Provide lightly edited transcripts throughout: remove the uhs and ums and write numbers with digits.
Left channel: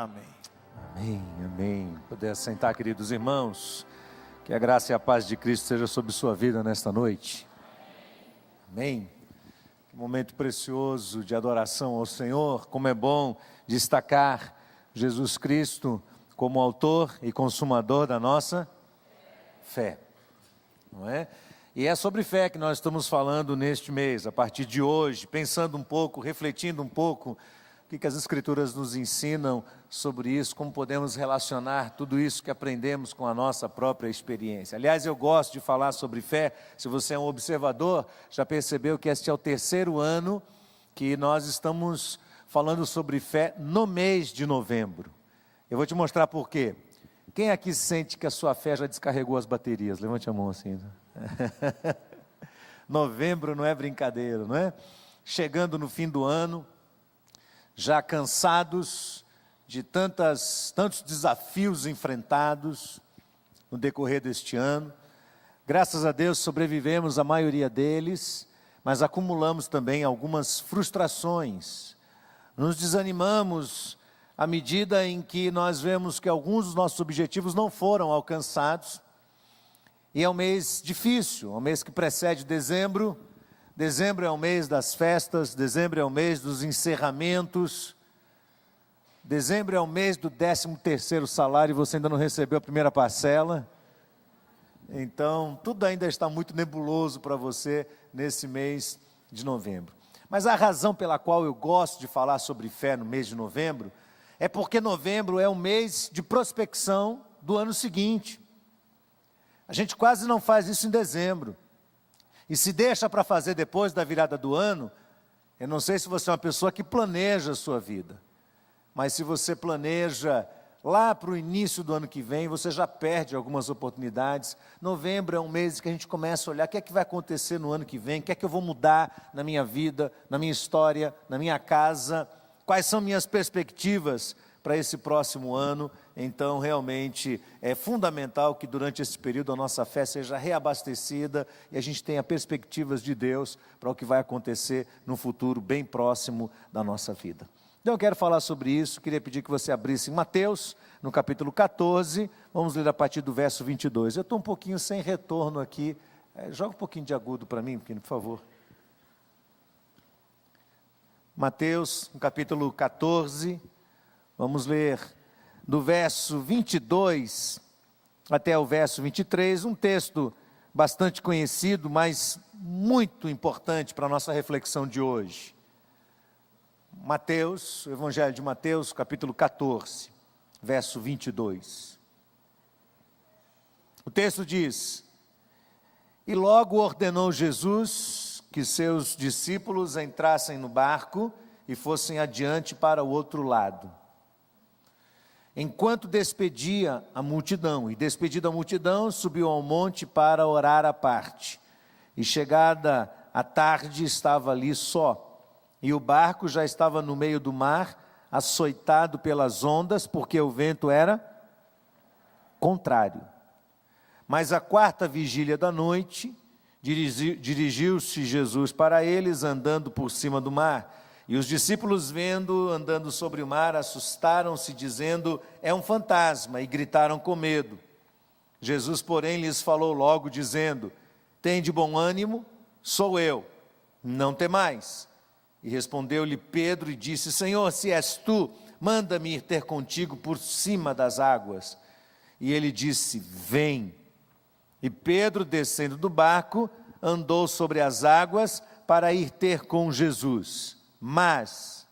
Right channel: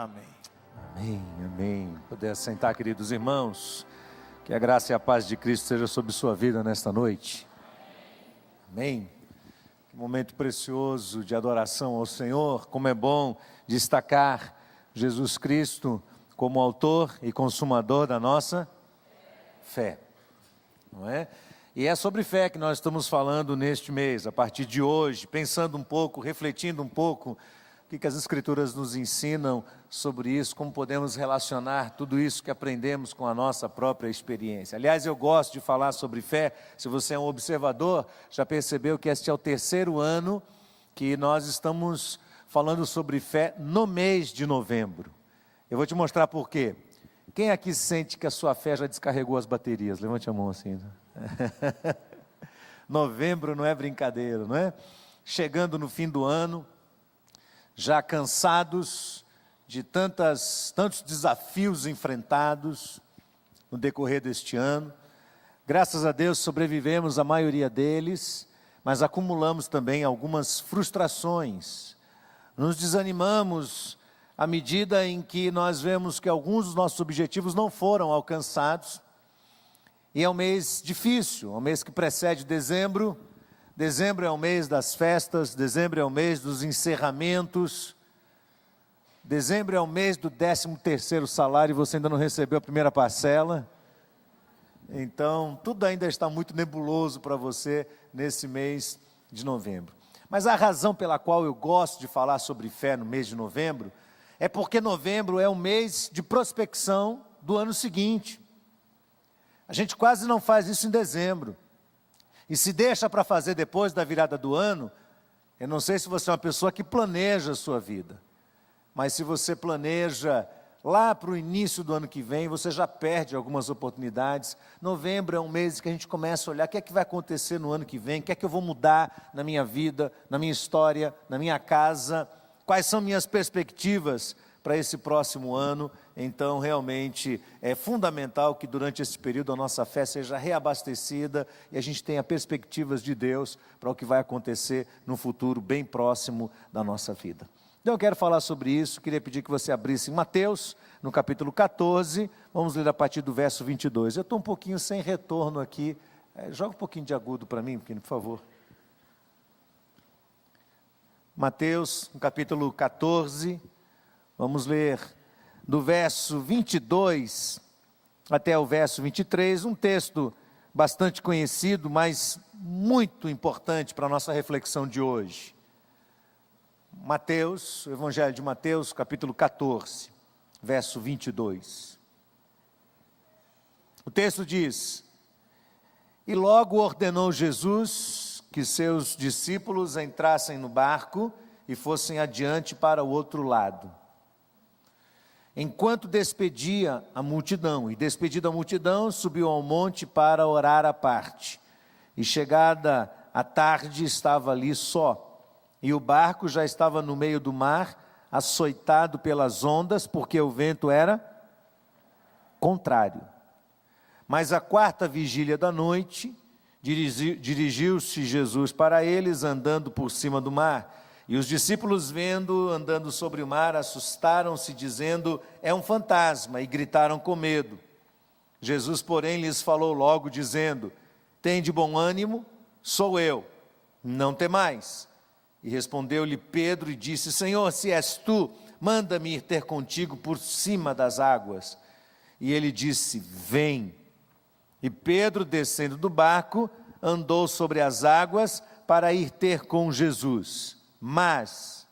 Amém. Amém, amém. Poder sentar, queridos irmãos. Que a graça e a paz de Cristo seja sobre sua vida nesta noite. Amém. Que momento precioso de adoração ao Senhor. Como é bom destacar Jesus Cristo como autor e consumador da nossa fé, não é? E é sobre fé que nós estamos falando neste mês, a partir de hoje, pensando um pouco, refletindo um pouco, o que as Escrituras nos ensinam sobre isso, como podemos relacionar tudo isso que aprendemos com a nossa própria experiência. Aliás, eu gosto de falar sobre fé. Se você é um observador, já percebeu que este é o terceiro ano que nós estamos falando sobre fé no mês de novembro. Eu vou te mostrar por quê. Quem aqui sente que a sua fé já descarregou as baterias? Levante a mão assim. Novembro não é brincadeira, não é? Chegando no fim do ano, já cansados de tantos desafios enfrentados no decorrer deste ano. Graças a Deus sobrevivemos a maioria deles, mas acumulamos também algumas frustrações. Nos desanimamos à medida em que nós vemos que alguns dos nossos objetivos não foram alcançados. E é um mês difícil, é um mês que precede dezembro. Dezembro é o mês das festas, dezembro é o mês dos encerramentos. Dezembro é o mês do 13º salário e você ainda não recebeu a primeira parcela. Então, tudo ainda está muito nebuloso para você nesse mês de novembro. Mas a razão pela qual eu gosto de falar sobre fé no mês de novembro é porque novembro é um mês de prospecção do ano seguinte. A gente quase não faz isso em dezembro. E se deixa para fazer depois da virada do ano, eu não sei se você é uma pessoa que planeja a sua vida. Mas se você planeja lá para o início do ano que vem, você já perde algumas oportunidades. Novembro é um mês que a gente começa a olhar o que é que vai acontecer no ano que vem, o que é que eu vou mudar na minha vida, na minha história, na minha casa, quais são minhas perspectivas para esse próximo ano. Então, realmente, é fundamental que durante esse período a nossa fé seja reabastecida e a gente tenha perspectivas de Deus para o que vai acontecer no futuro bem próximo da nossa vida. Então eu quero falar sobre isso, queria pedir que você abrisse Mateus, no capítulo 14, vamos ler a partir do verso 22. Eu estou um pouquinho sem retorno aqui, joga um pouquinho de agudo para mim, por favor. Mateus, no capítulo 14, vamos ler do verso 22 até o verso 23, um texto bastante conhecido, mas muito importante para a nossa reflexão de hoje. Mateus, o Evangelho de Mateus, capítulo 14, verso 22. O texto diz: E logo ordenou Jesus que seus discípulos entrassem no barco e fossem adiante para o outro lado. Enquanto despedia a multidão, e despedida a multidão, subiu ao monte para orar à parte. E chegada a tarde, estava ali só. E o barco já estava no meio do mar, açoitado pelas ondas, porque o vento era contrário. Mas à quarta vigília da noite, dirigiu-se Jesus para eles, andando por cima do mar. E os discípulos, andando sobre o mar, assustaram-se, dizendo: é um fantasma, e gritaram com medo. Jesus, porém, lhes falou logo, dizendo: tende bom ânimo, sou eu, não temais. E respondeu-lhe Pedro e disse: Senhor, se és tu, manda-me ir ter contigo por cima das águas. E ele disse: vem. E Pedro, descendo do barco, andou sobre as águas para ir ter com Jesus. Mas,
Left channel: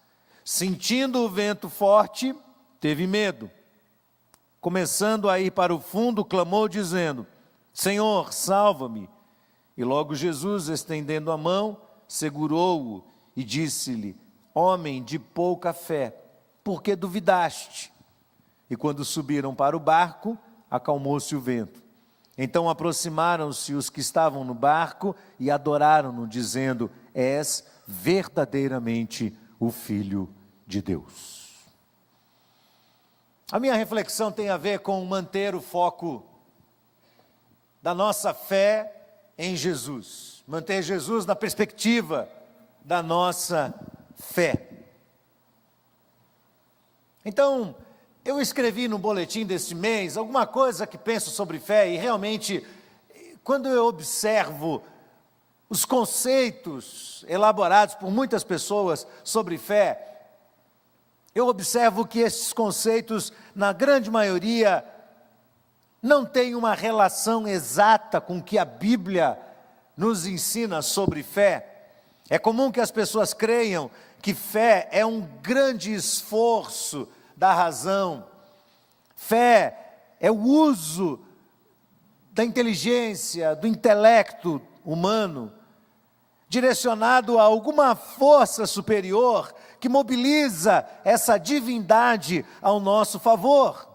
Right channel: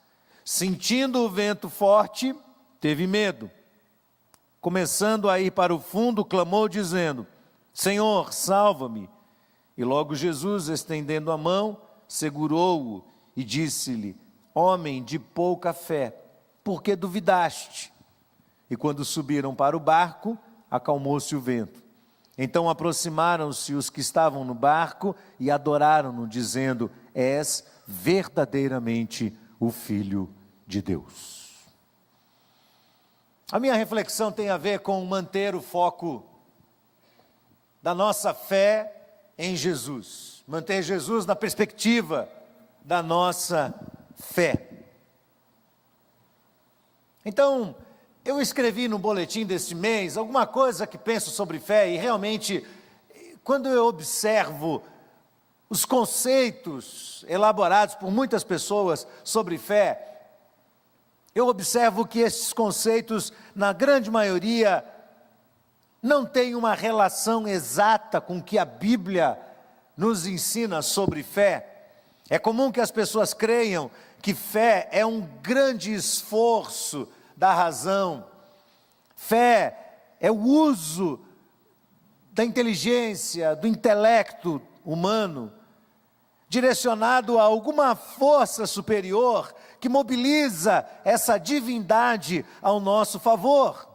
sentindo o vento forte, teve medo. Começando a ir para o fundo, clamou dizendo: Senhor, salva-me. E logo Jesus, estendendo a mão, segurou-o e disse-lhe: homem de pouca fé, por que duvidaste? E quando subiram para o barco, acalmou-se o vento. Então aproximaram-se os que estavam no barco e adoraram-no, dizendo: és verdadeiramente o Filho de Deus. A minha reflexão tem a ver com manter o foco da nossa fé em Jesus. Manter Jesus na perspectiva da nossa fé. Então, Eu escrevi no boletim deste mês alguma coisa que penso sobre fé, e realmente, quando eu observo os conceitos elaborados por muitas pessoas sobre fé, eu observo que esses conceitos, na grande maioria, não têm uma relação exata com o que a Bíblia nos ensina sobre fé. É comum que as pessoas creiam que fé é um grande esforço da razão. Fé é o uso da inteligência, do intelecto humano, direcionado a alguma força superior que mobiliza essa divindade ao nosso favor.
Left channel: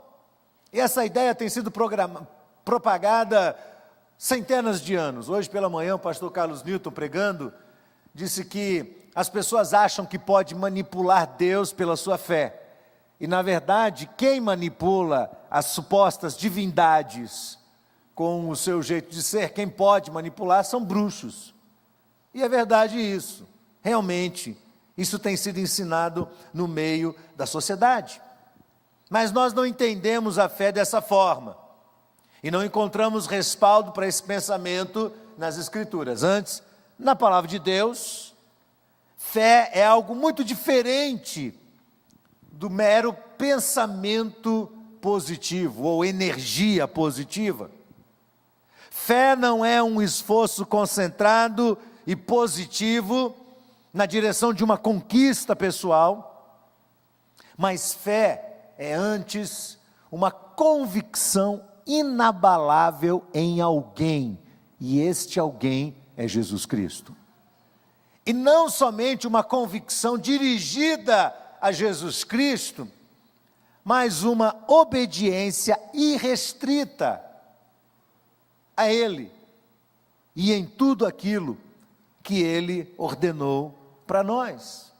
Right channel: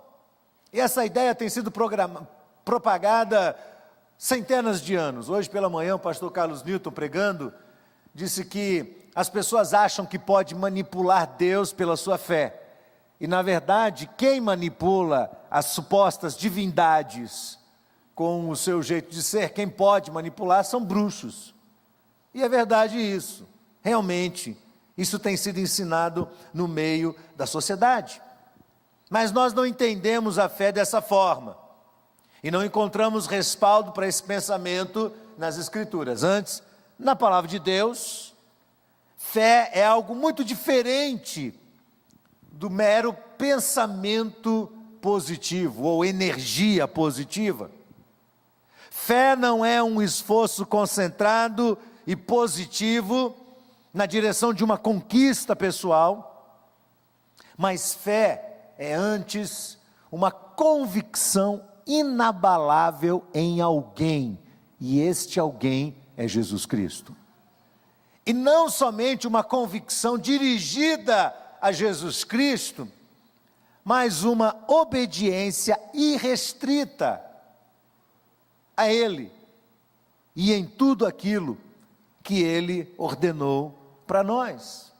E essa ideia tem sido propagada centenas de anos. Hoje pela manhã o pastor Carlos Newton, pregando, disse que as pessoas acham que pode manipular Deus pela sua fé. E na verdade, quem manipula as supostas divindades com o seu jeito de ser, quem pode manipular são bruxos. E é verdade isso. Realmente, isso tem sido ensinado no meio da sociedade. Mas nós não entendemos a fé dessa forma. E não encontramos respaldo para esse pensamento nas Escrituras. Antes, na palavra de Deus, fé é algo muito diferente do mero pensamento positivo ou energia positiva. Fé não é um esforço concentrado e positivo na direção de uma conquista pessoal, mas fé é antes uma convicção inabalável em alguém, e este alguém é Jesus Cristo. E não somente uma convicção dirigida a Jesus Cristo, mas uma obediência irrestrita a Ele e em tudo aquilo que Ele ordenou para nós.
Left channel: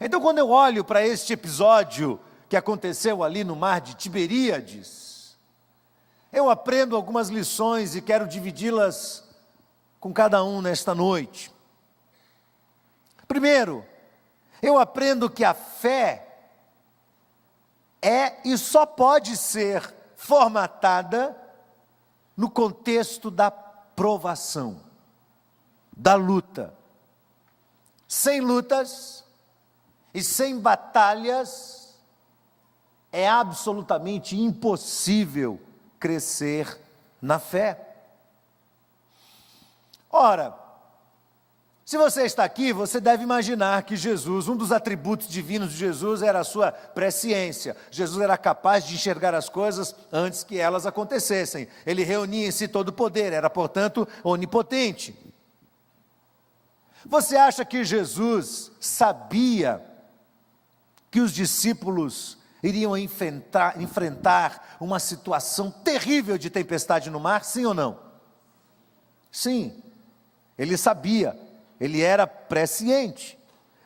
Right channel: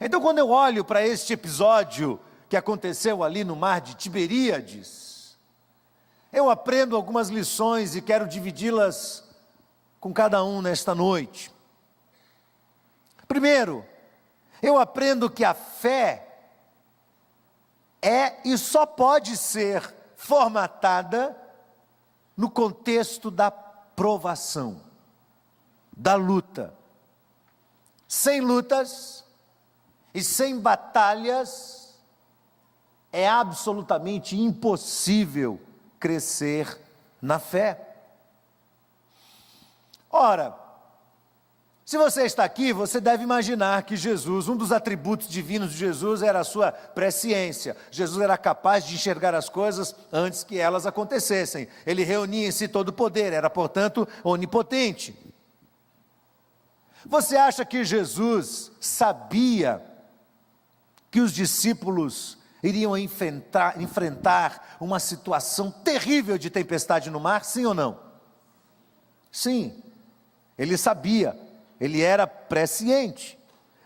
Então, quando eu olho para este episódio que aconteceu ali no mar de Tiberíades, eu aprendo algumas lições e quero dividi-las com cada um nesta noite. Primeiro, eu aprendo que a fé é e só pode ser formatada no contexto da provação, da luta. Sem lutas e sem batalhas, é absolutamente impossível crescer na fé. Ora, se você está aqui, você deve imaginar que Jesus, um dos atributos divinos de Jesus era a sua presciência. Jesus era capaz de enxergar as coisas antes que elas acontecessem. Ele reunia em si todo o poder, era, portanto, onipotente. Você acha que Jesus sabia que os discípulos iriam enfrentar uma situação terrível de tempestade no mar? Sim ou não? Sim, ele sabia. Ele era presciente.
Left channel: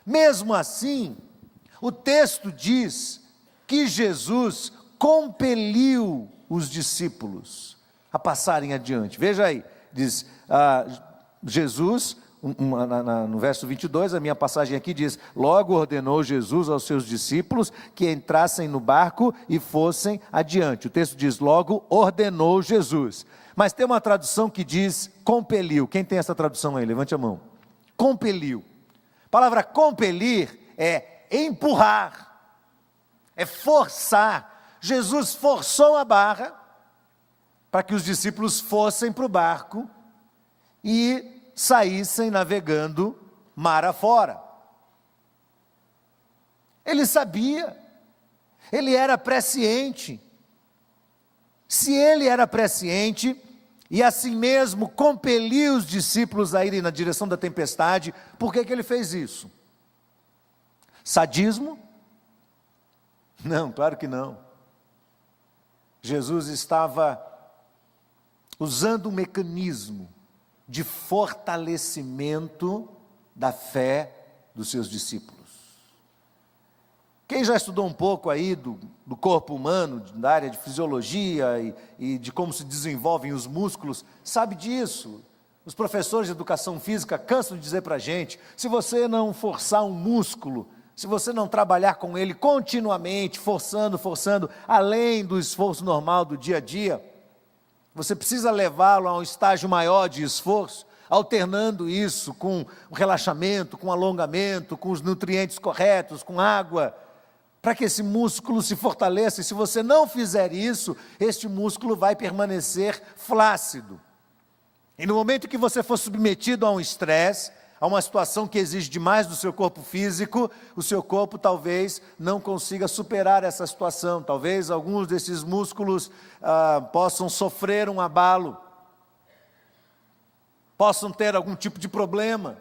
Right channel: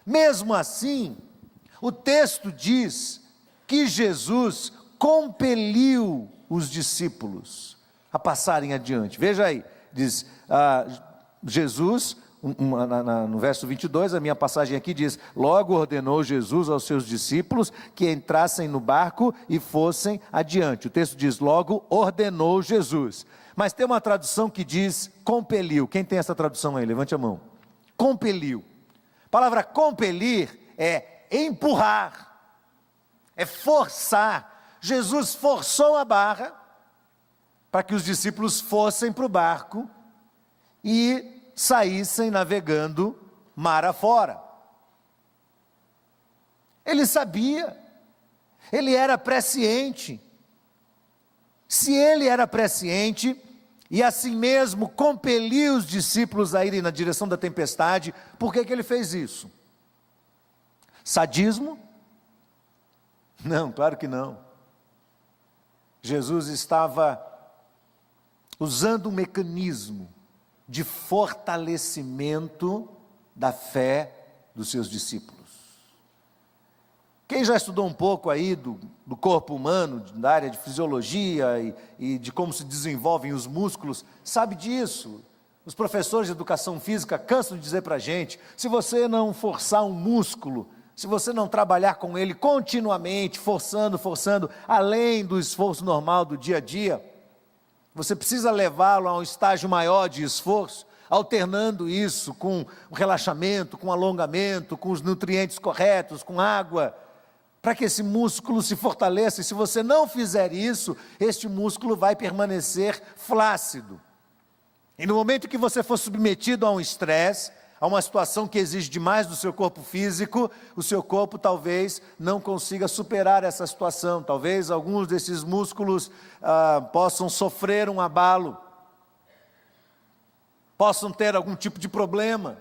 Mesmo assim, o texto diz que Jesus compeliu os discípulos a passarem adiante. Veja aí, diz Jesus, no verso 22, a minha passagem aqui diz: logo ordenou Jesus aos seus discípulos que entrassem no barco e fossem adiante. O texto diz: logo ordenou Jesus. Mas tem uma tradução que diz compeliu. Quem tem essa tradução aí? Levante a mão. Compeliu. A palavra compelir é empurrar, é forçar. Jesus forçou a barra para que os discípulos fossem para o barco e saíssem navegando mar afora. Ele sabia, ele era presciente. Se ele era presciente, e assim mesmo compeliu os discípulos a irem na direção da tempestade, por que ele fez isso? Sadismo? Não, claro que não. Jesus estava usando um mecanismo de fortalecimento da fé dos seus discípulos. Quem já estudou um pouco aí do corpo humano, da área de fisiologia e de como se desenvolvem os músculos, sabe disso. Os professores de educação física cansam de dizer para a gente: se você não forçar um músculo, se você não trabalhar com ele continuamente, forçando, além do esforço normal do dia a dia, você precisa levá-lo a um estágio maior de esforço, alternando isso com o relaxamento, com o alongamento, com os nutrientes corretos, com água, para que esse músculo se fortaleça. E se você não fizer isso, este músculo vai permanecer flácido. E no momento que você for submetido a um estresse, a uma situação que exige demais do seu corpo físico, o seu corpo talvez não consiga superar essa situação. Talvez alguns desses músculos possam sofrer um abalo, possam ter algum tipo de problema,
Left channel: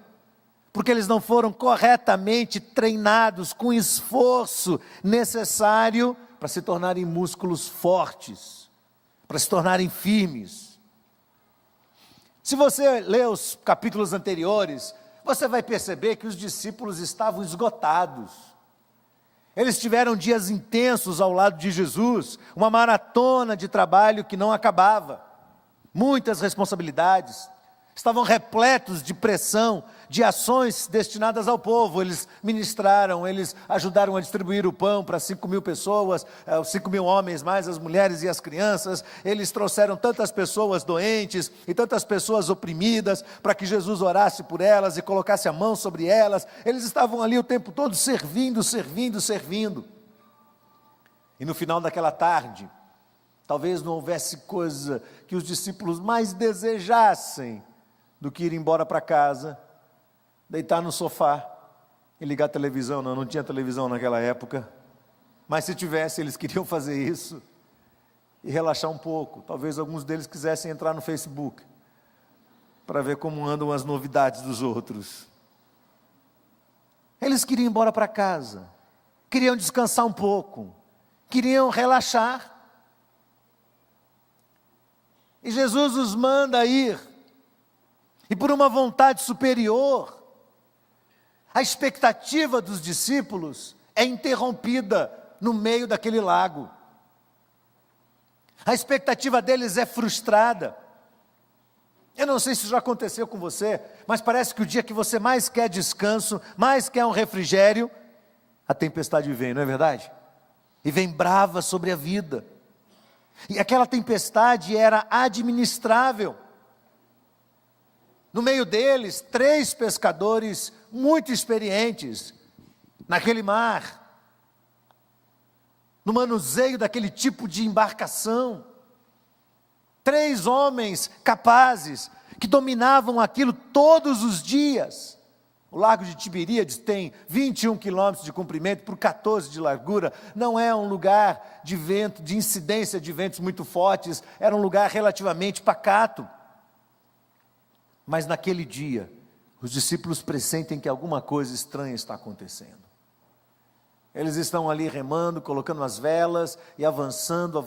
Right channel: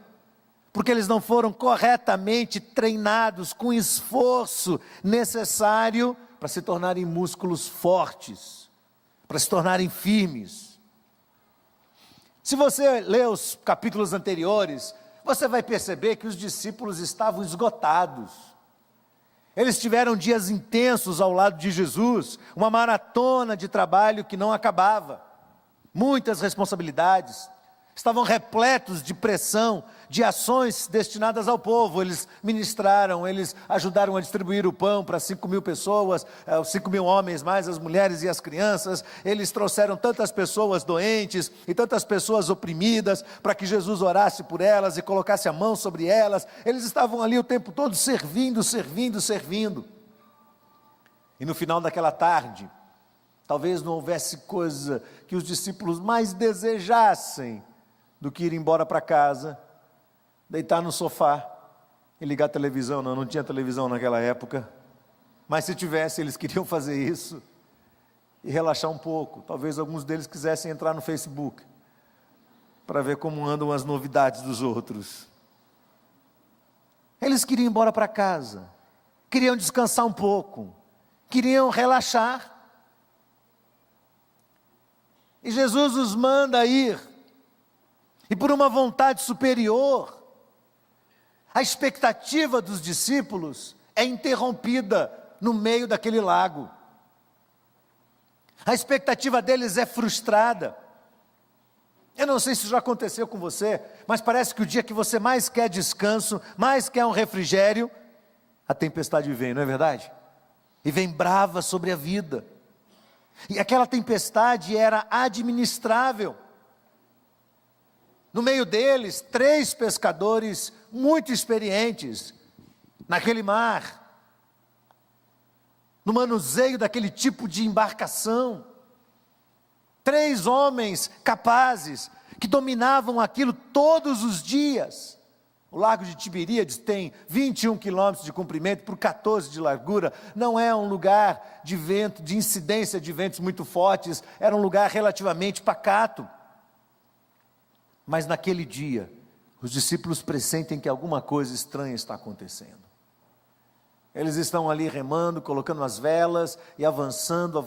porque eles não foram corretamente treinados com o esforço necessário para se tornarem músculos fortes, para se tornarem firmes. Se você ler os capítulos anteriores, você vai perceber que os discípulos estavam esgotados. Eles tiveram dias intensos ao lado de Jesus, uma maratona de trabalho que não acabava, muitas responsabilidades, estavam repletos de pressão, de ações destinadas ao povo. Eles ministraram, eles ajudaram a distribuir o pão para 5.000 pessoas, 5.000 homens, mais as mulheres e as crianças. Eles trouxeram tantas pessoas doentes e tantas pessoas oprimidas, para que Jesus orasse por elas e colocasse a mão sobre elas. Eles estavam ali o tempo todo servindo. E no final daquela tarde, talvez não houvesse coisa que os discípulos mais desejassem do que ir embora para casa, deitar no sofá e ligar a televisão. Não tinha televisão naquela época, mas se tivesse, eles queriam fazer isso e relaxar um pouco. Talvez alguns deles quisessem entrar no Facebook para ver como andam as novidades dos outros. Eles queriam ir embora para casa, queriam descansar um pouco, queriam relaxar. E Jesus os manda ir. E por uma vontade superior, a expectativa dos discípulos é interrompida no meio daquele lago. A expectativa deles é frustrada. Eu não sei se isso já aconteceu com você, mas parece que o dia que você mais quer descanso, mais quer um refrigério, a tempestade vem, não é verdade? E vem brava sobre a vida. E aquela tempestade era administrável. No meio deles, 3 pescadores muito experientes naquele mar, no manuseio daquele tipo de embarcação. 3 homens capazes, que dominavam aquilo todos os dias. O lago de Tiberíades tem 21 quilômetros de comprimento por 14 de largura. Não é um lugar de vento, de incidência de ventos muito fortes. Era um lugar relativamente pacato. Mas naquele dia, os discípulos pressentem que alguma coisa estranha está acontecendo. Eles estão ali remando, colocando as velas e avançando,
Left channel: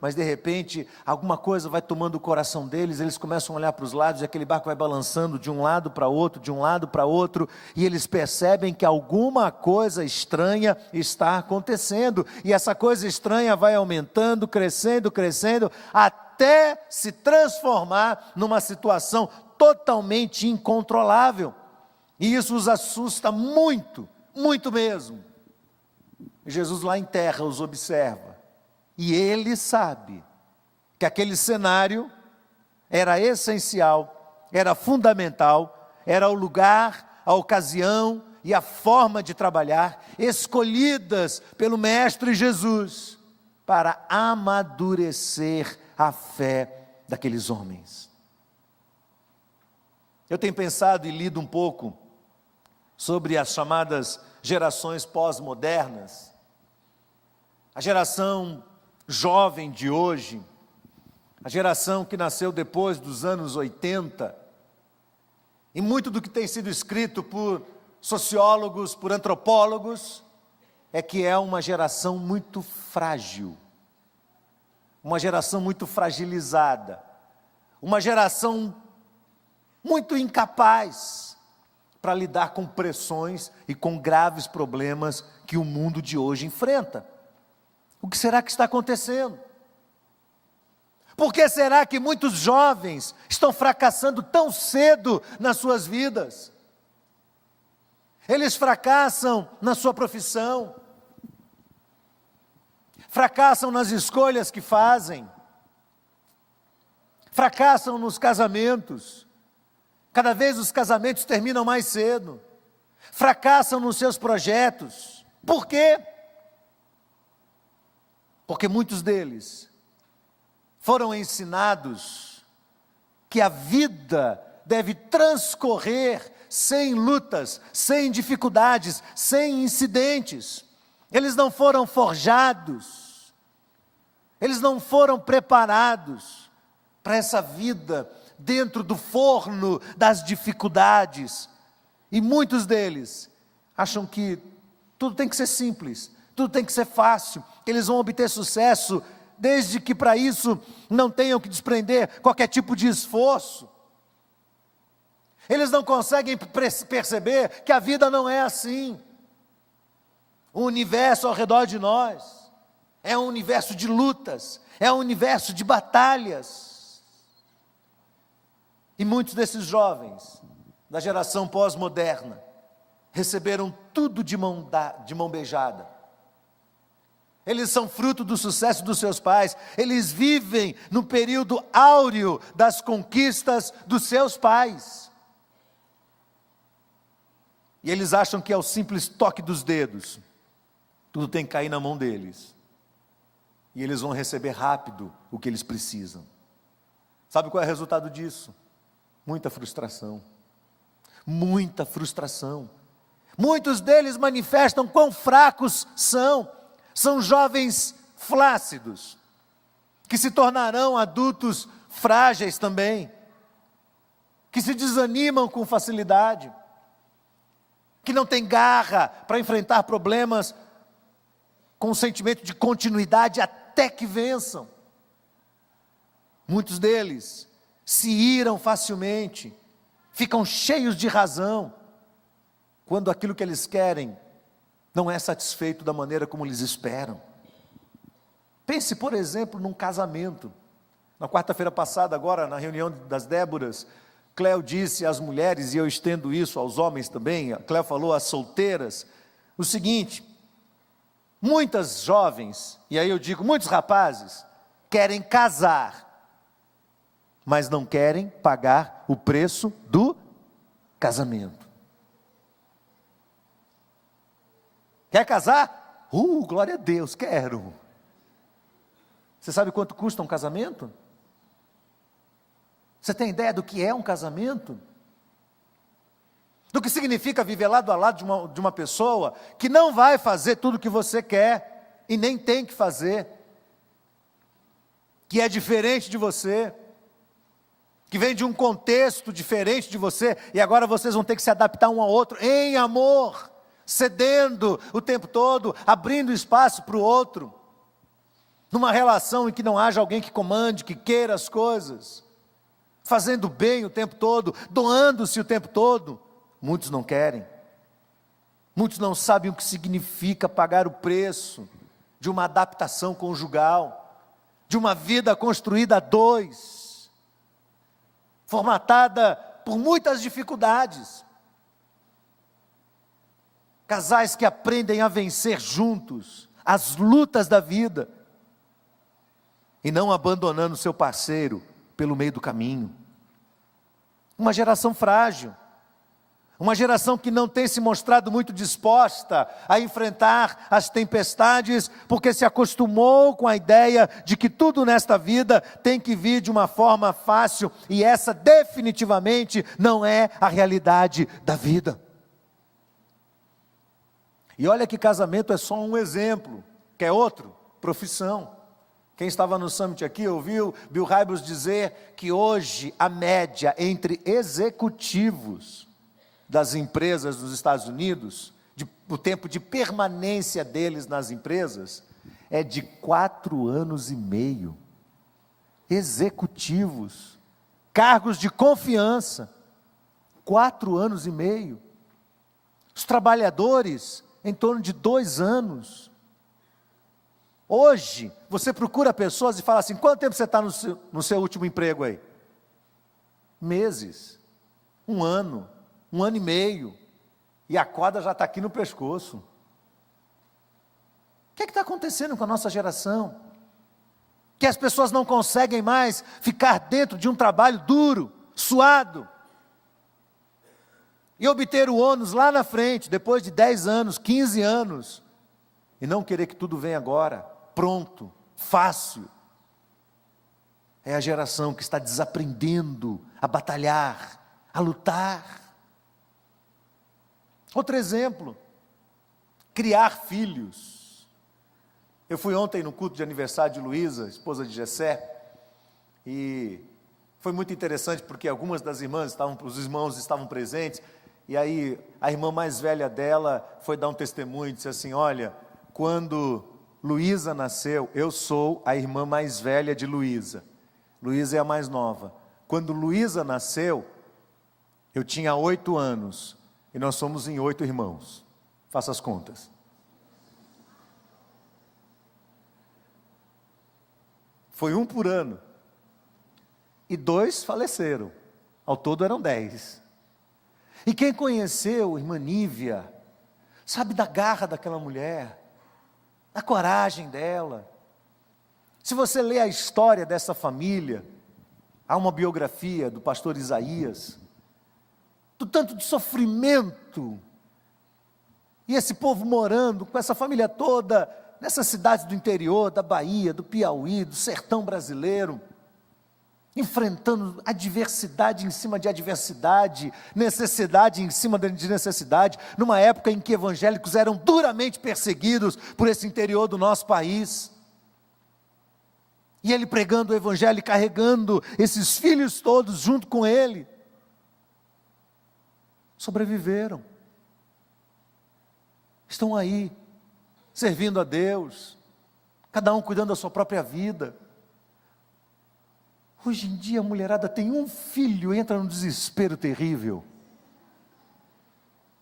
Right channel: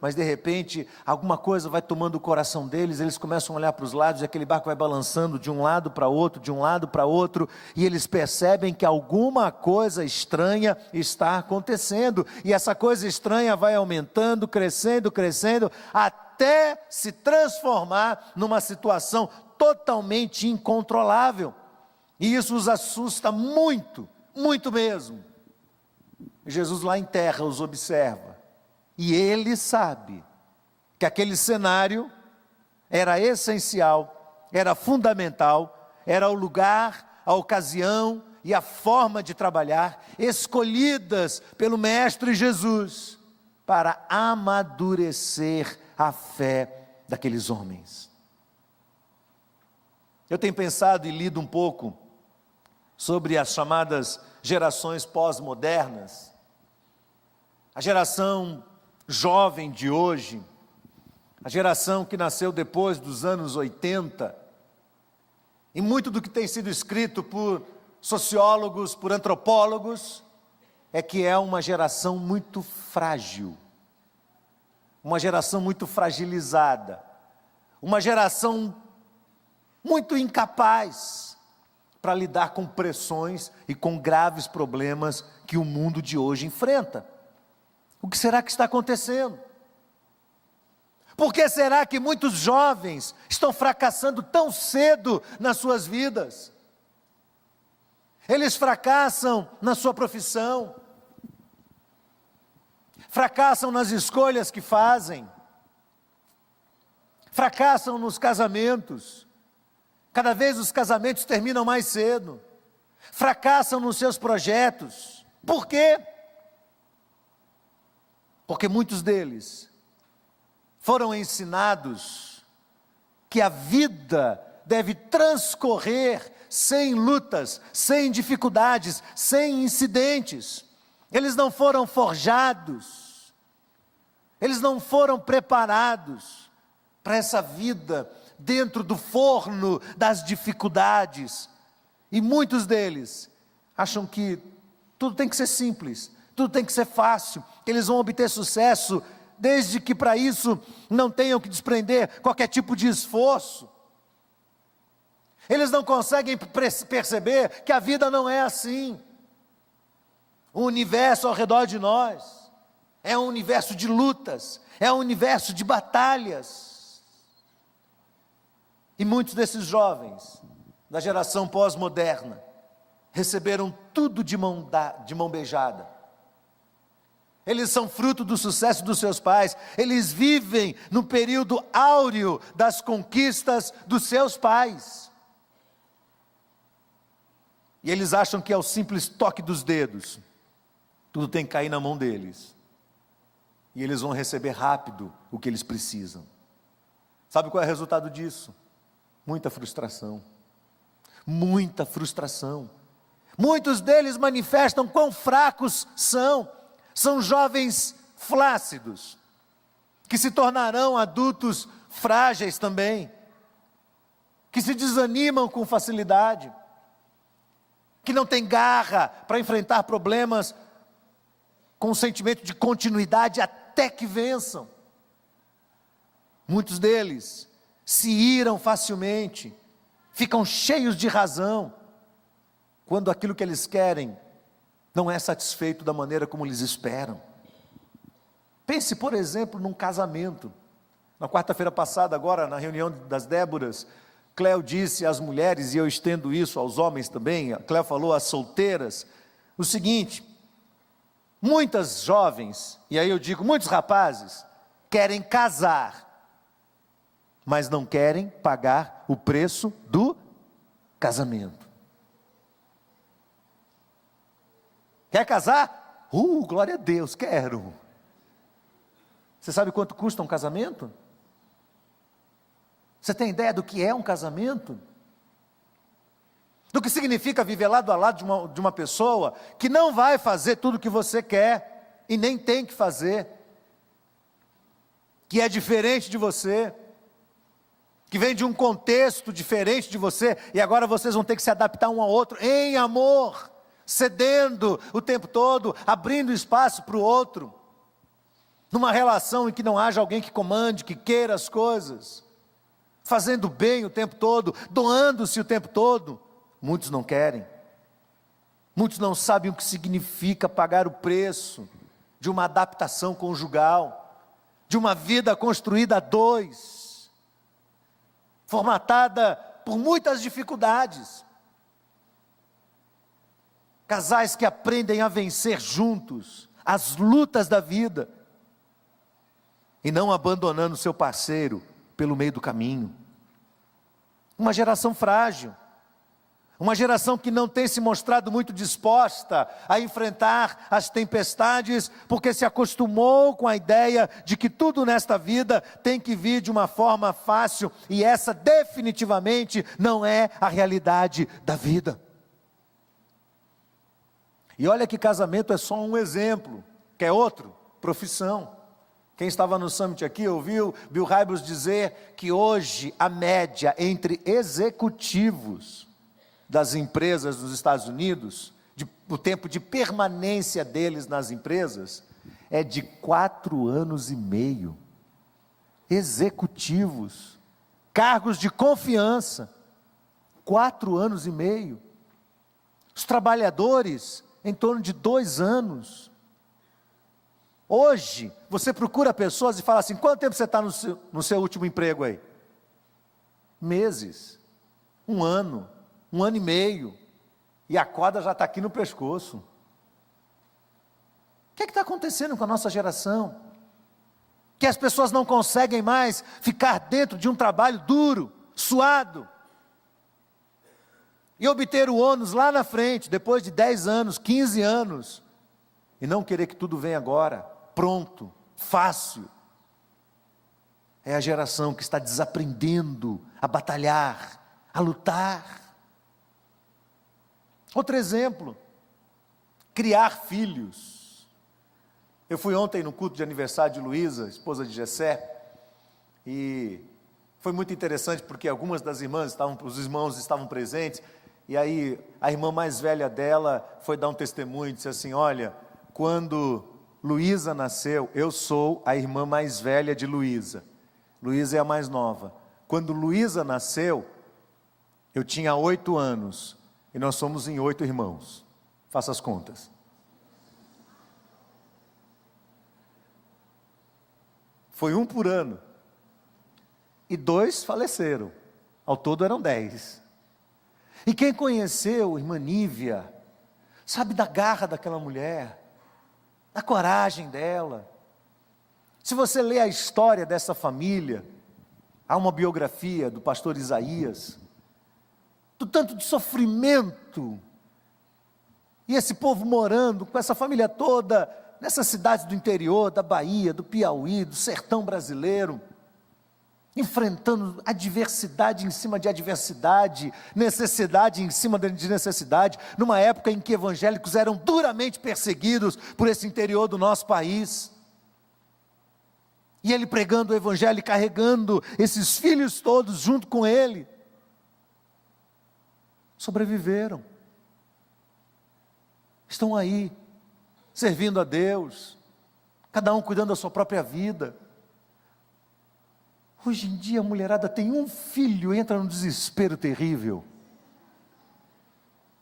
mas de repente alguma coisa vai tomando o coração deles. Eles começam a olhar para os lados e aquele barco vai balançando de um lado para outro, e eles percebem que alguma coisa estranha está acontecendo, e essa coisa estranha vai aumentando, crescendo, até se transformar numa situação totalmente incontrolável. E isso os assusta muito, muito mesmo. Jesus lá em terra os observa, e ele sabe que aquele cenário era essencial, era fundamental, era o lugar, a ocasião e a forma de trabalhar escolhidas pelo Mestre Jesus para amadurecer a fé daqueles homens. Eu tenho pensado e lido um pouco sobre as chamadas gerações pós-modernas, a geração jovem de hoje, a geração que nasceu depois dos anos 80, e muito do que tem sido escrito por sociólogos, por antropólogos, é que é uma geração muito frágil, uma geração muito fragilizada, uma geração muito incapaz para lidar com pressões e com graves problemas que o mundo de hoje enfrenta. O que será que está acontecendo? Por que será que muitos jovens estão fracassando tão cedo nas suas vidas? Eles fracassam na sua profissão, fracassam nas escolhas que fazem, fracassam nos casamentos. Cada vez os casamentos terminam mais cedo, fracassam nos seus projetos. Por quê? Porque muitos deles foram ensinados que a vida deve transcorrer sem lutas, sem dificuldades, sem incidentes. Eles não foram forjados, eles não foram preparados para essa vida dentro do forno das dificuldades. E muitos deles acham que tudo tem que ser simples, tudo tem que ser fácil, que eles vão obter sucesso, desde que para isso não tenham que desprender qualquer tipo de esforço. Eles não conseguem perceber que a vida não é assim. O universo ao redor de nós é um universo de lutas, é um universo de batalhas. E muitos desses jovens da geração pós-moderna receberam tudo de mão beijada. Eles são fruto do sucesso dos seus pais, eles vivem no período áureo das conquistas dos seus pais. E eles acham que é o simples toque dos dedos, tudo tem que cair na mão deles. E eles vão receber rápido o que eles precisam. Sabe qual é o resultado disso? Muita frustração. Muita frustração. Muitos deles manifestam quão fracos são. São jovens flácidos, que se tornarão adultos frágeis também, que se desanimam com facilidade, que não têm garra para enfrentar problemas com o sentimento de continuidade até que vençam. Muitos deles se iram facilmente, ficam cheios de razão, quando aquilo que eles querem não é satisfeito da maneira como eles esperam. Pense, por exemplo, num casamento. Na quarta-feira passada, agora, na reunião das Déboras, Cléo disse às mulheres, e eu estendo isso aos homens também, Cléo falou às solteiras, o seguinte: muitas jovens, e aí eu digo muitos rapazes, querem casar, mas não querem pagar o preço do casamento. Quer casar? Glória a Deus, quero. Você sabe quanto custa um casamento? Você tem ideia do que é um casamento? Do que significa viver lado a lado de uma pessoa que não vai fazer tudo o que você quer e nem tem que fazer, que é diferente de você, que vem de um contexto diferente de você, e agora vocês vão ter que se adaptar um ao outro em amor, cedendo o tempo todo, abrindo espaço para o outro, numa relação em que não haja alguém que comande, que queira as coisas, fazendo bem o tempo todo, doando-se o tempo todo. Muitos não querem, muitos não sabem o que significa pagar o preço de uma adaptação conjugal, de uma vida construída a dois, formatada por muitas dificuldades. Casais que aprendem a vencer juntos as lutas da vida e não abandonando seu parceiro pelo meio do caminho. Uma geração frágil, uma geração que não tem se mostrado muito disposta a enfrentar as tempestades, porque se acostumou com a ideia de que tudo nesta vida tem que vir de uma forma fácil, e essa definitivamente não é a realidade da vida. E olha que casamento é só um exemplo, quer outro? Profissão. Quem estava no Summit aqui ouviu Bill Hybels dizer que hoje a média entre executivos das empresas dos Estados Unidos, o tempo de permanência deles nas empresas, é de 4 anos e meio. Executivos, cargos de confiança, 4 anos e meio. Os trabalhadores, em torno de 2 anos. Hoje, você procura pessoas e fala assim: quanto tempo você está no seu último emprego aí? Meses, 1 ano, 1 ano e meio. e a corda já está aqui no pescoço. O que está acontecendo com a nossa geração? Que as pessoas não conseguem mais ficar dentro de um trabalho duro, suado, e obter o ônus lá na frente, depois de 10 anos, 15 anos, e não querer que tudo venha agora, pronto, fácil. É a geração que está desaprendendo a batalhar, a lutar. Outro exemplo, criar filhos. Eu fui ontem no culto de aniversário de Luísa, esposa de Jessé, e foi muito interessante porque algumas das irmãs os irmãos estavam presentes, e aí a irmã mais velha dela foi dar um testemunho e disse assim: olha, quando Luísa nasceu, eu sou a irmã mais velha de Luísa. Luísa é a mais nova. Quando Luísa nasceu, eu tinha 8 anos, e nós somos em 8 irmãos. Faça as contas. Foi 1 por ano, e 2 faleceram, ao todo eram 10. E quem conheceu irmã Nívia, sabe da garra daquela mulher, da coragem dela. Se você lê a história dessa família, há uma biografia do pastor Isaías, do tanto de sofrimento, e esse povo morando com essa família toda, nessas cidades do interior, da Bahia, do Piauí, do sertão brasileiro, enfrentando adversidade em cima de adversidade, necessidade em cima de necessidade, numa época em que evangélicos eram duramente perseguidos por esse interior do nosso país. E ele pregando o evangelho e carregando esses filhos todos junto com ele. Sobreviveram. Estão aí, servindo a Deus, cada um cuidando da sua própria vida. Hoje em dia a mulherada tem um filho e entra num desespero terrível.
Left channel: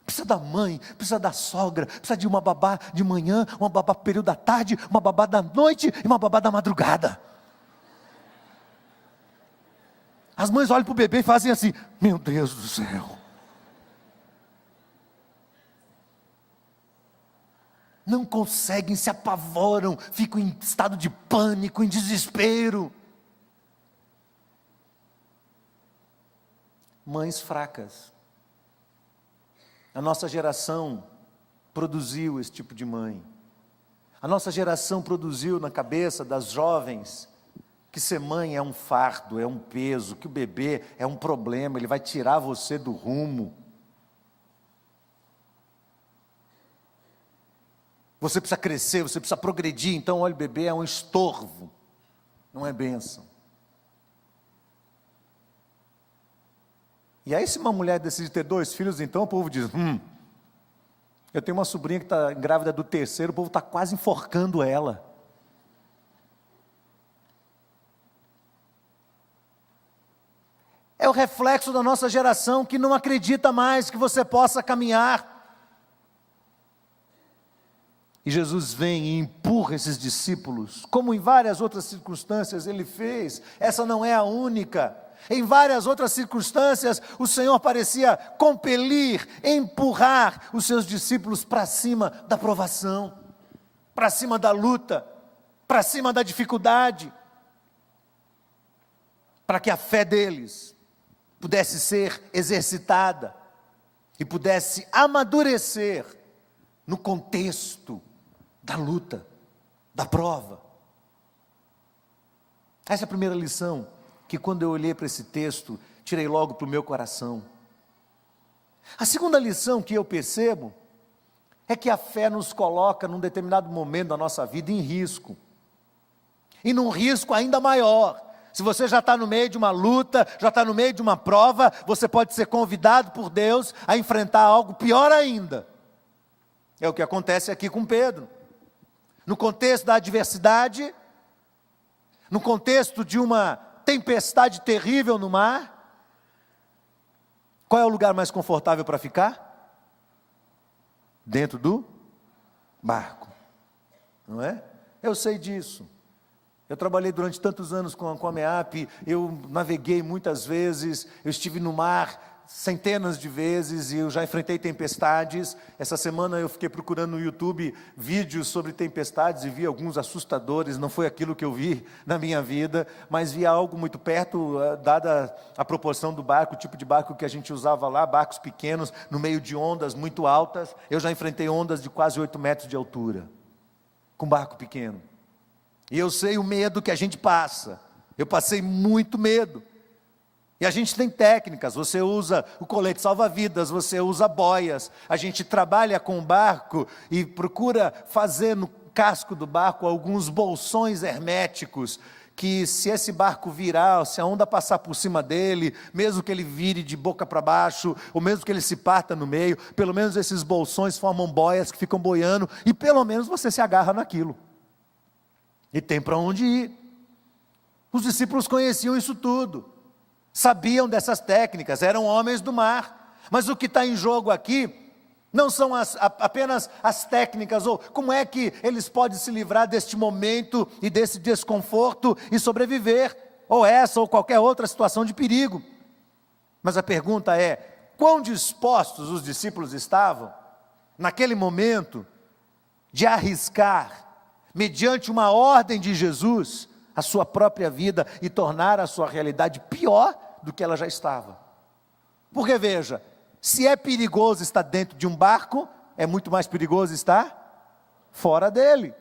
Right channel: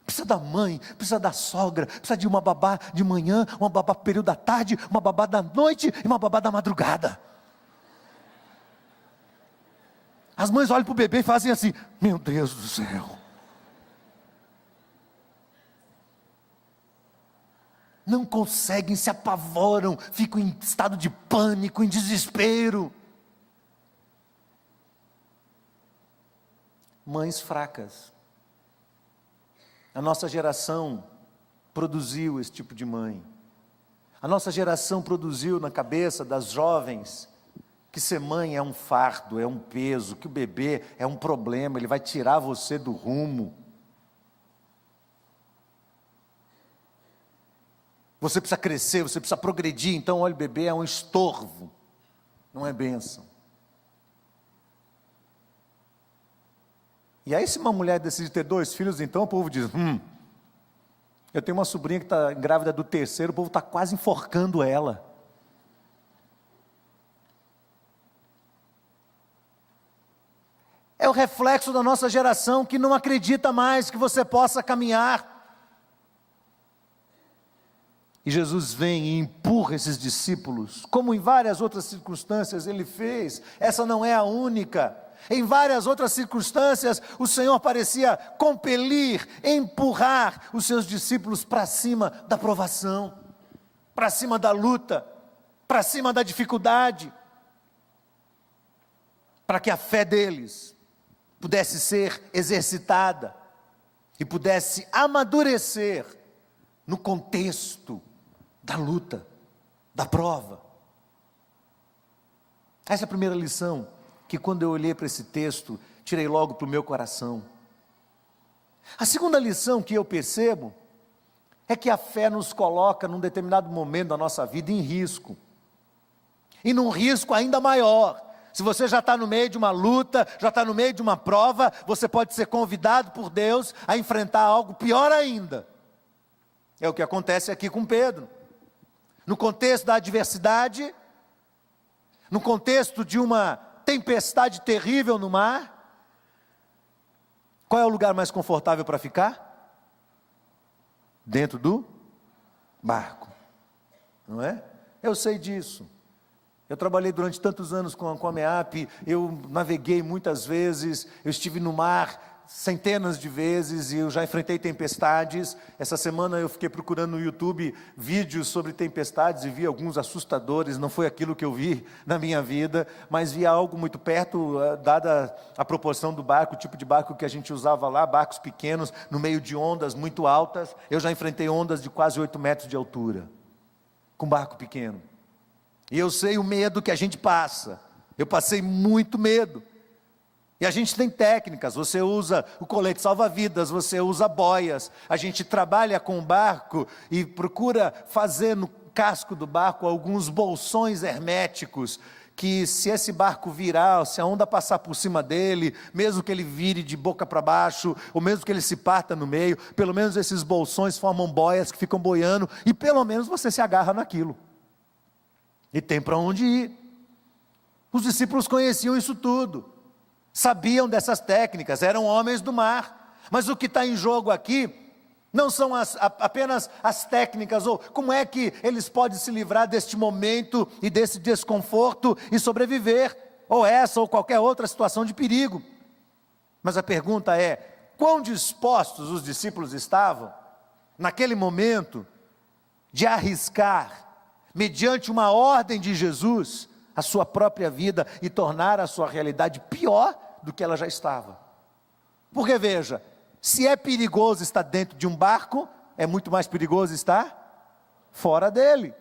Precisa da mãe, precisa da sogra, precisa de uma babá de manhã, uma babá no período da tarde, uma babá da noite e uma babá da madrugada. As mães olham para o bebê e fazem assim: meu Deus do céu. Não conseguem, se apavoram, ficam em estado de pânico, em desespero. Mães fracas. A nossa geração produziu esse tipo de mãe. A nossa geração produziu na cabeça das jovens que ser mãe é um fardo, é um peso, que o bebê é um problema, ele vai tirar você do rumo. Você precisa crescer, você precisa progredir, então olha, o bebê é um estorvo, não é bênção. E aí se uma mulher decide ter 2 filhos, então o povo diz: eu tenho uma sobrinha que está grávida do 3º, o povo está quase enforcando ela. É o reflexo da nossa geração que não acredita mais que você possa caminhar. E Jesus vem e empurra esses discípulos, como em várias outras circunstâncias ele fez. Essa não é a única. Em várias outras circunstâncias, o Senhor parecia compelir, empurrar os seus discípulos para cima da provação, para cima da luta, para cima da dificuldade, para que a fé deles pudesse ser exercitada e pudesse amadurecer no contexto da luta, da prova. Essa é a primeira lição que, quando eu olhei para esse texto, tirei logo para o meu coração. A segunda lição que eu percebo é que a fé nos coloca num determinado momento da nossa vida em risco, e num risco ainda maior. Se você já está no meio de uma luta, já está no meio de uma prova, você pode ser convidado por Deus a enfrentar algo pior ainda. É o que acontece aqui com Pedro. No contexto da adversidade, no contexto de uma tempestade terrível no mar, qual é o lugar mais confortável para ficar? Dentro do barco, não é? Eu sei disso. Eu trabalhei durante tantos anos com a MEAP, eu naveguei muitas vezes, eu estive no mar centenas de vezes e eu já enfrentei tempestades. Essa semana eu fiquei procurando no YouTube vídeos sobre tempestades e vi alguns assustadores. Não foi aquilo que eu vi na minha vida, mas vi algo muito perto, dada a proporção do barco, o tipo de barco que a gente usava lá, barcos pequenos, no meio de ondas muito altas. Eu já enfrentei ondas de quase 8 metros de altura, com barco pequeno. E eu sei o medo que a gente passa. Eu passei muito medo. E a gente tem técnicas, você usa o colete salva-vidas, você usa boias, a gente trabalha com o barco e procura fazer no casco do barco alguns bolsões herméticos, que se esse barco virar, se a onda passar por cima dele, mesmo que ele vire de boca para baixo, ou mesmo que ele se parta no meio, pelo menos esses bolsões formam boias que ficam boiando, e pelo menos você se agarra naquilo, e tem para onde ir. Os discípulos conheciam isso tudo, sabiam dessas técnicas, eram homens do mar. Mas o que está em jogo aqui não são apenas as técnicas, ou como é que eles podem se livrar deste momento e desse desconforto e sobreviver, ou essa ou qualquer outra situação de perigo. Mas a pergunta é: quão dispostos os discípulos estavam naquele momento de arriscar, mediante uma ordem de Jesus, a sua própria vida e tornar a sua realidade pior do que ela já estava? Porque veja, se é perigoso estar dentro de um barco, é muito mais perigoso estar fora dele.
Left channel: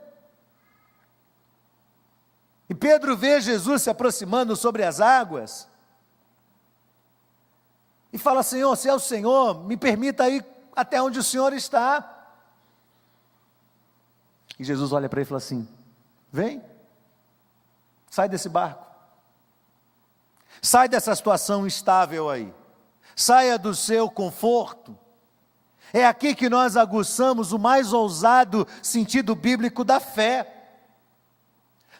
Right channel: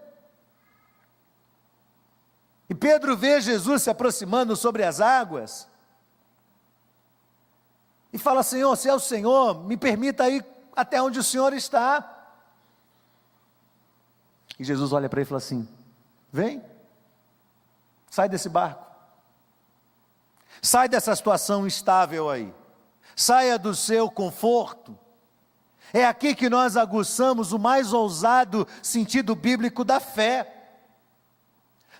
E Pedro vê Jesus se aproximando sobre as águas e fala: Senhor, se é o Senhor, me permita ir até onde o Senhor está. E Jesus olha para ele e fala assim: vem. Sai desse barco, sai dessa situação instável aí, saia do seu conforto. É aqui que nós aguçamos o mais ousado sentido bíblico da fé.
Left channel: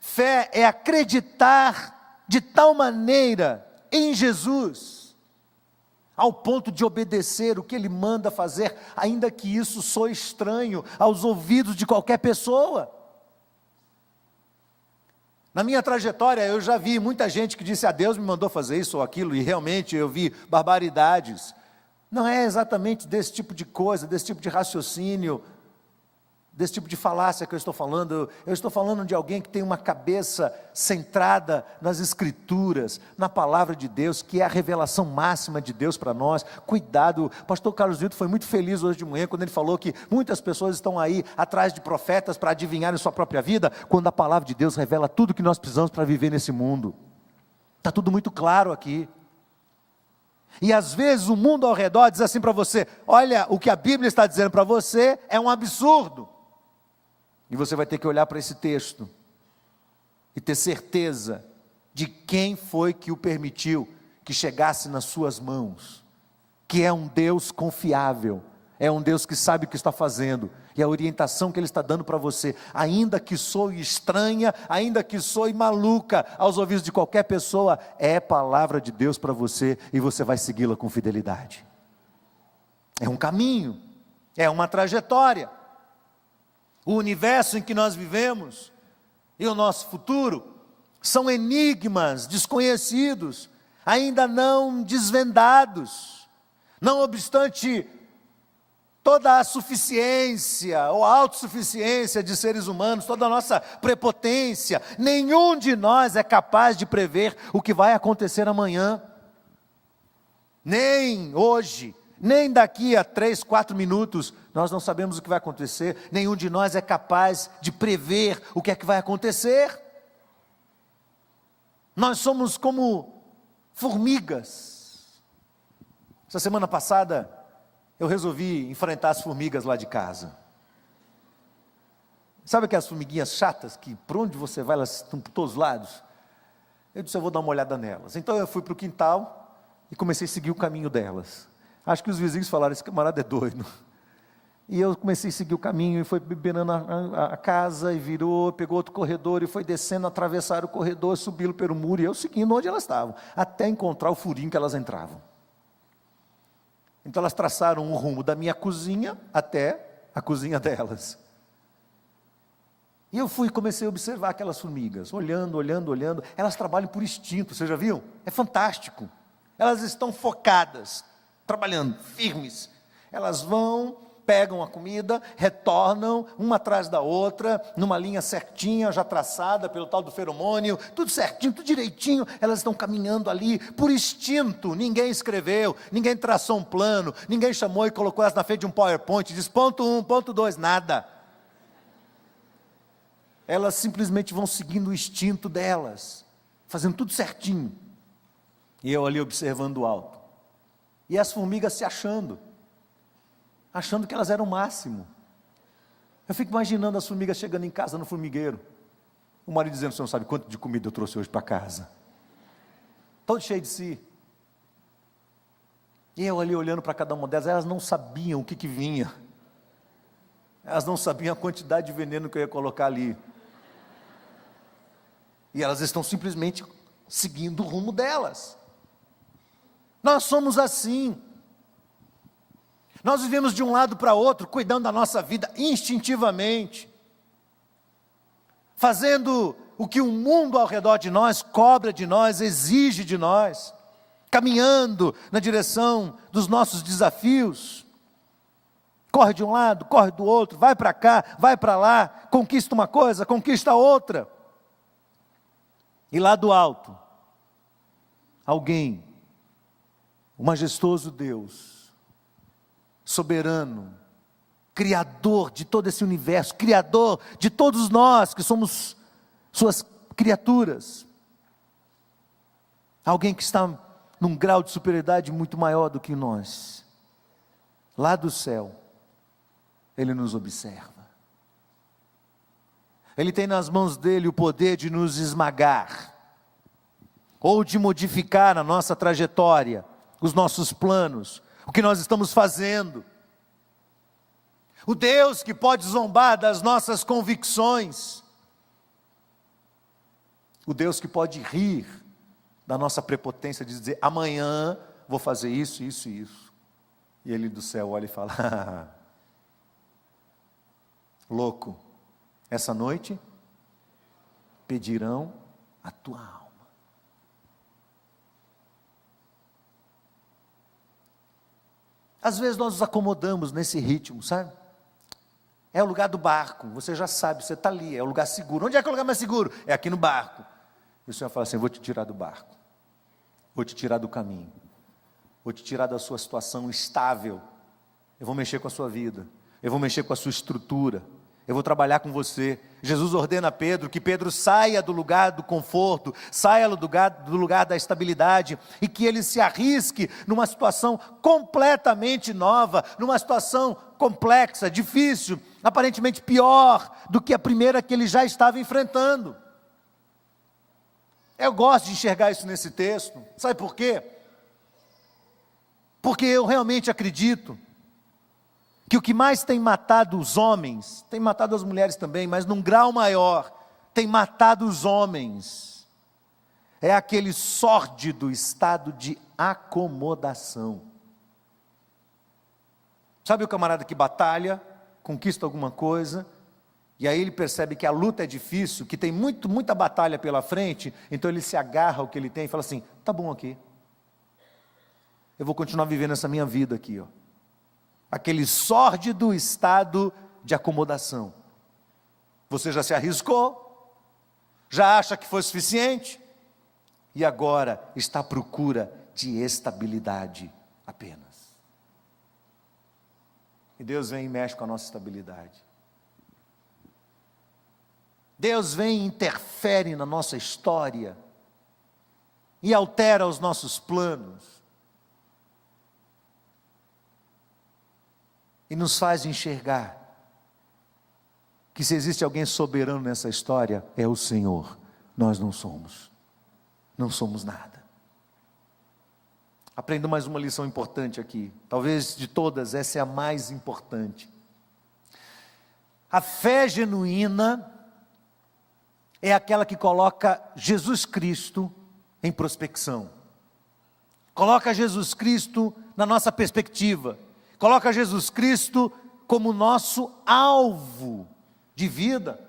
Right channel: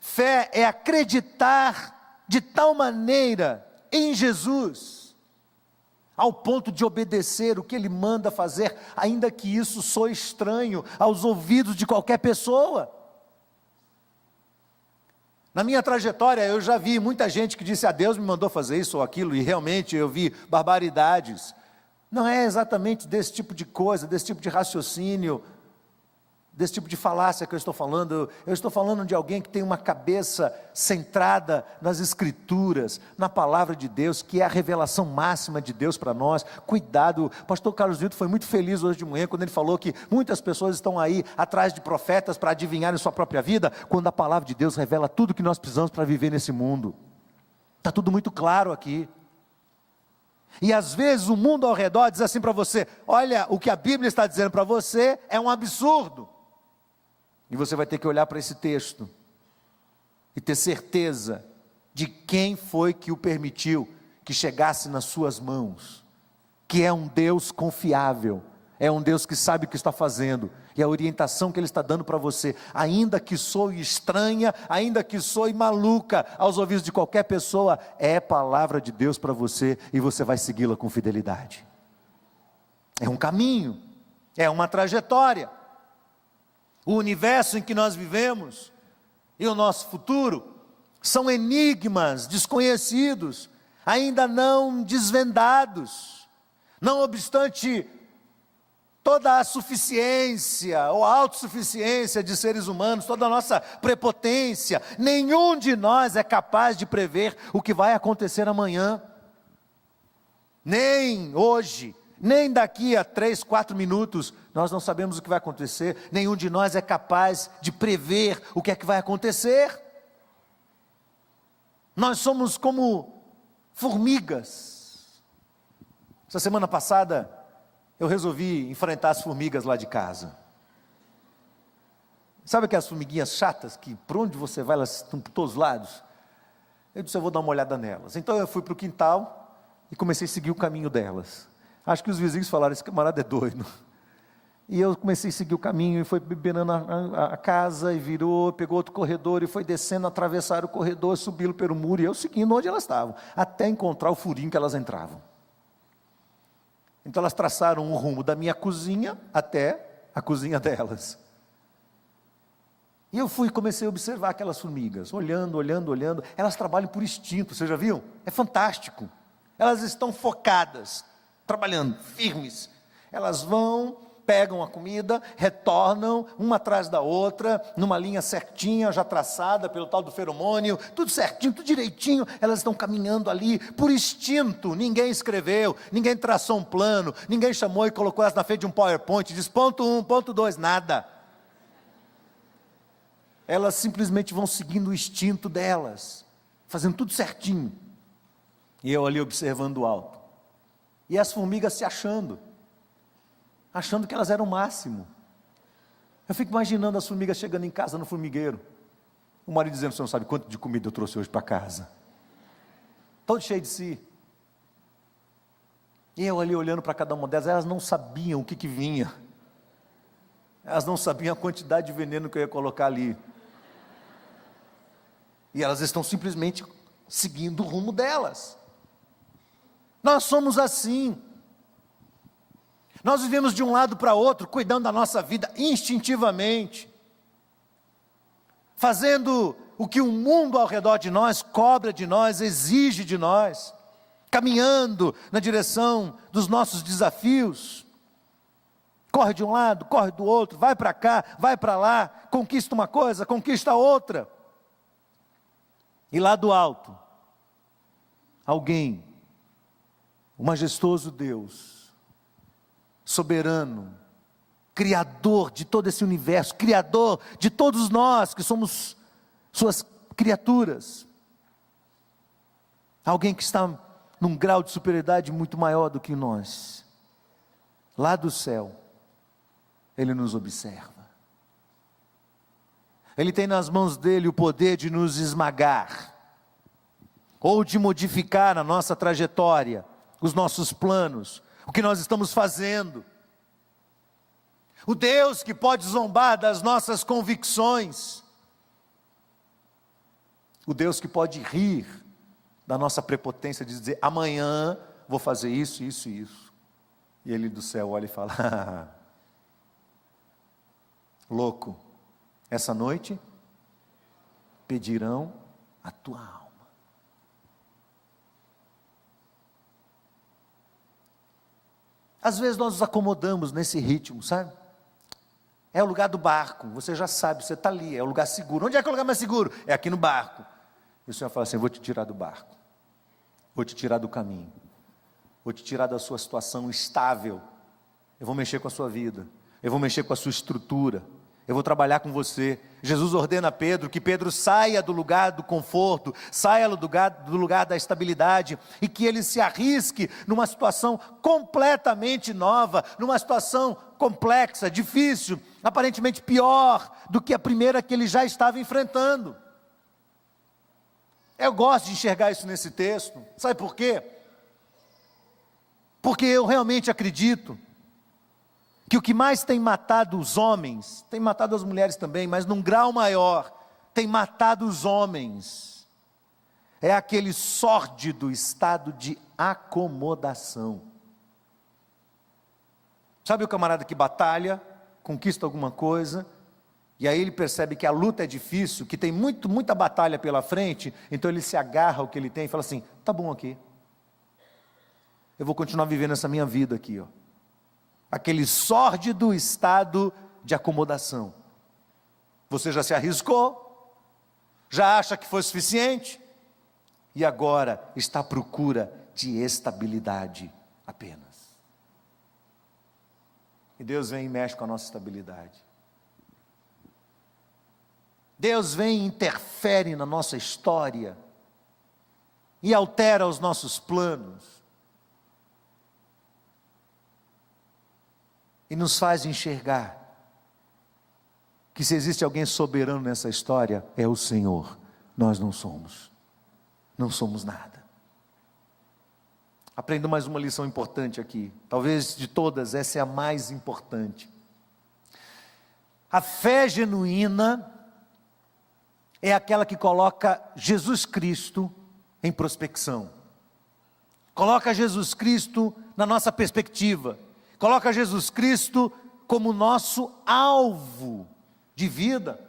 Fé é acreditar de tal maneira em Jesus, ao ponto de obedecer o que Ele manda fazer, ainda que isso soe estranho aos ouvidos de qualquer pessoa. Na minha trajetória eu já vi muita gente que disse: Deus me mandou fazer isso ou aquilo, e realmente eu vi barbaridades. Não é exatamente desse tipo de coisa, desse tipo de raciocínio, desse tipo de falácia que eu estou falando. Eu estou falando de alguém que tem uma cabeça centrada nas Escrituras, na palavra de Deus, que é a revelação máxima de Deus para nós. Cuidado, o pastor Carlos Newton foi muito feliz hoje de manhã, quando ele falou que muitas pessoas estão aí atrás de profetas para adivinharem sua própria vida, quando a palavra de Deus revela tudo que nós precisamos para viver nesse mundo. Está tudo muito claro aqui. E às vezes o mundo ao redor diz assim para você: olha, o que a Bíblia está dizendo para você é um absurdo. E você vai ter que olhar para esse texto e ter certeza de quem foi que o permitiu que chegasse nas suas mãos, que é um Deus confiável, é um Deus que sabe o que está fazendo, e a orientação que Ele está dando para você, ainda que soe estranha, ainda que soe maluca aos ouvidos de qualquer pessoa, é palavra de Deus para você, e você vai segui-la com fidelidade. É um caminho, é uma trajetória. O universo em que nós vivemos e o nosso futuro são enigmas desconhecidos, ainda não desvendados. Não obstante toda a suficiência ou a autossuficiência de seres humanos, toda a nossa prepotência, nenhum de nós é capaz de prever o que vai acontecer amanhã, nem hoje, nem daqui a 3, 4 minutos. Nós não sabemos o que vai acontecer. Nenhum de nós é capaz de prever o que é que vai acontecer. Nós somos como formigas. Essa semana passada eu resolvi enfrentar as formigas lá de casa. Sabe aquelas formiguinhas chatas que por onde você vai elas estão por todos os lados? Eu disse: eu vou dar uma olhada nelas. Então eu fui para o quintal e comecei a seguir o caminho delas. Acho que os vizinhos falaram: esse camarada é doido. E eu comecei a seguir o caminho, e foi beirando a casa, e virou, pegou outro corredor, e foi descendo, atravessaram o corredor, subiram pelo muro, e eu seguindo onde elas estavam, até encontrar o furinho que elas entravam. Então elas traçaram um rumo da minha cozinha até a cozinha delas. E eu fui e comecei a observar aquelas formigas, olhando, elas trabalham por instinto, vocês já viram? É fantástico. Elas estão focadas. trabalhando, firmes. Elas vão, pegam a comida, retornam, uma atrás da outra, numa linha certinha, já traçada pelo tal do feromônio, tudo certinho, tudo direitinho, elas estão caminhando ali, por instinto, ninguém escreveu, ninguém traçou um plano, ninguém chamou e colocou elas na frente de um PowerPoint, diz ponto 1, ponto 2, nada. Elas simplesmente vão seguindo o instinto delas, fazendo tudo certinho. E eu ali observando o alto. E as formigas se achando que elas eram o máximo. Eu fico imaginando as formigas chegando em casa no formigueiro. O marido dizendo: você não sabe quanto de comida eu trouxe hoje para casa. Todo cheio de si. E eu ali olhando para cada uma delas, elas não sabiam o que vinha. Elas não sabiam a quantidade de veneno que eu ia colocar ali. E elas estão simplesmente seguindo o rumo delas. Nós somos assim. Nós vivemos de um lado para outro, cuidando da nossa vida instintivamente, fazendo o que o mundo ao redor de nós cobra de nós, exige de nós, caminhando na direção dos nossos desafios. Corre de um lado, corre do outro, vai para cá, vai para lá, conquista uma coisa, conquista outra. E lá do alto, alguém, o majestoso Deus, soberano, criador de todo esse universo, criador de todos nós que somos suas criaturas, alguém que está num grau de superioridade muito maior do que nós, lá do céu, Ele nos observa. Ele tem nas mãos dele o poder de nos esmagar, ou de modificar a nossa trajetória, os nossos planos, o que nós estamos fazendo. O Deus que pode zombar das nossas convicções, o Deus que pode rir da nossa prepotência, de dizer: amanhã vou fazer isso, isso e isso. E Ele do céu olha e fala: louco, essa noite pedirão a tua alma. Às vezes nós nos acomodamos nesse ritmo, sabe? É o lugar do barco, você já sabe, você está ali, é o lugar seguro. Onde é que é o lugar mais seguro? É aqui no barco. E o Senhor fala assim: vou te tirar do barco, vou te tirar do caminho, vou te tirar da sua situação estável, eu vou mexer com a sua vida, eu vou mexer com a sua estrutura, eu vou trabalhar com você. Jesus ordena a Pedro que Pedro saia do lugar do conforto, saia do lugar da estabilidade, e que ele se arrisque numa situação completamente nova, numa situação complexa, difícil, aparentemente pior do que a primeira que ele já estava enfrentando. Eu gosto de enxergar isso nesse texto, sabe por quê? Porque eu realmente acredito que o que mais tem matado os homens, tem matado as mulheres também, mas num grau maior, tem matado os homens, é aquele sórdido estado de acomodação. Sabe o camarada que batalha, conquista alguma coisa, e aí ele percebe que a luta é difícil, que tem muita batalha pela frente, então ele se agarra ao que ele tem e fala assim: tá bom aqui, eu vou continuar vivendo essa minha vida aqui, ó. Aquele sórdido estado de acomodação. Você já se arriscou, já acha que foi suficiente, e agora está à procura de estabilidade apenas. E Deus vem e mexe com a nossa estabilidade. Deus vem e interfere na nossa história, e altera os nossos planos, e nos faz enxergar que se existe alguém soberano nessa história, é o Senhor. Nós não somos nada. Aprendo mais uma lição importante aqui, talvez de todas, essa é a mais importante. A fé genuína é aquela que coloca Jesus Cristo em prospecção, coloca Jesus Cristo na nossa perspectiva, coloca Jesus Cristo como nosso alvo de vida.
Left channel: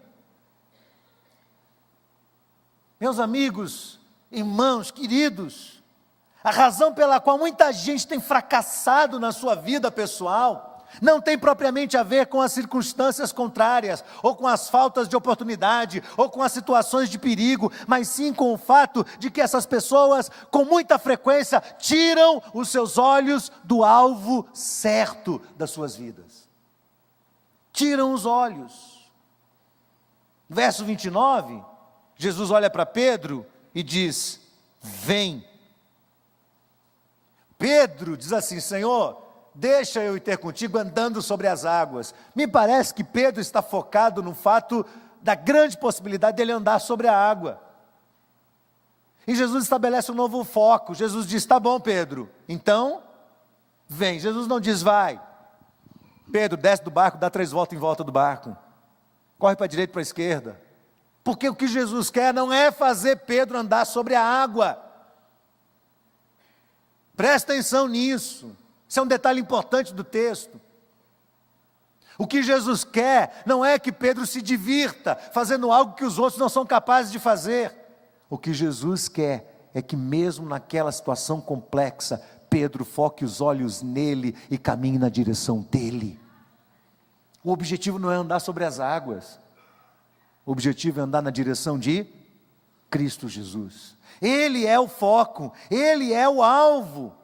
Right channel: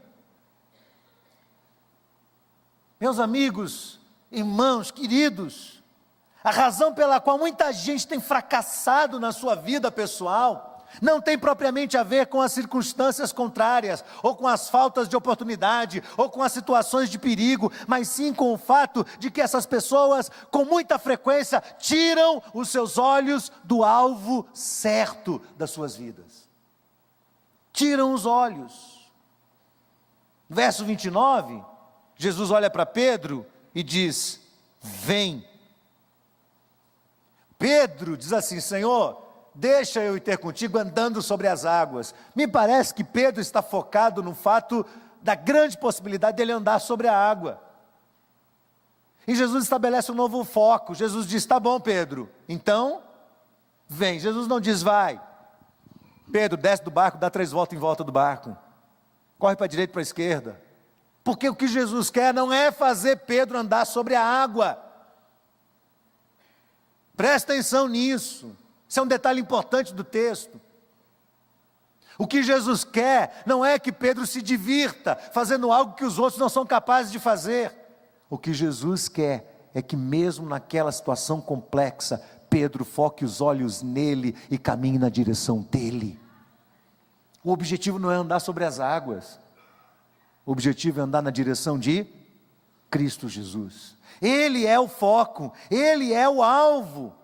Meus amigos, irmãos, queridos, A razão pela qual muita gente tem fracassado na sua vida pessoal não tem propriamente a ver com as circunstâncias contrárias, ou com as faltas de oportunidade, ou com as situações de perigo, mas sim com o fato de que essas pessoas, com muita frequência, tiram os seus olhos do alvo certo das suas vidas. Tiram os olhos. Verso 29, Jesus olha para Pedro e diz: vem. Pedro diz assim: Senhor, deixa eu ir ter contigo andando sobre as águas. Me parece que Pedro está focado no fato da grande possibilidade dele andar sobre a água. E Jesus estabelece um novo foco. Jesus diz: tá bom, Pedro, então vem. Jesus não diz vai. Pedro, desce do barco, dá 3 voltas em volta do barco. Corre para a direita e para a esquerda. Porque o que Jesus quer não é fazer Pedro andar sobre a água. Presta atenção nisso. Isso é um detalhe importante do texto. O que Jesus quer não é que Pedro se divirta fazendo algo que os outros não são capazes de fazer. O que Jesus quer é que mesmo naquela situação complexa, Pedro foque os olhos nele e caminhe na direção dele. O objetivo não é andar sobre as águas. O objetivo é andar na direção de Cristo Jesus. Ele é o foco, ele é o alvo.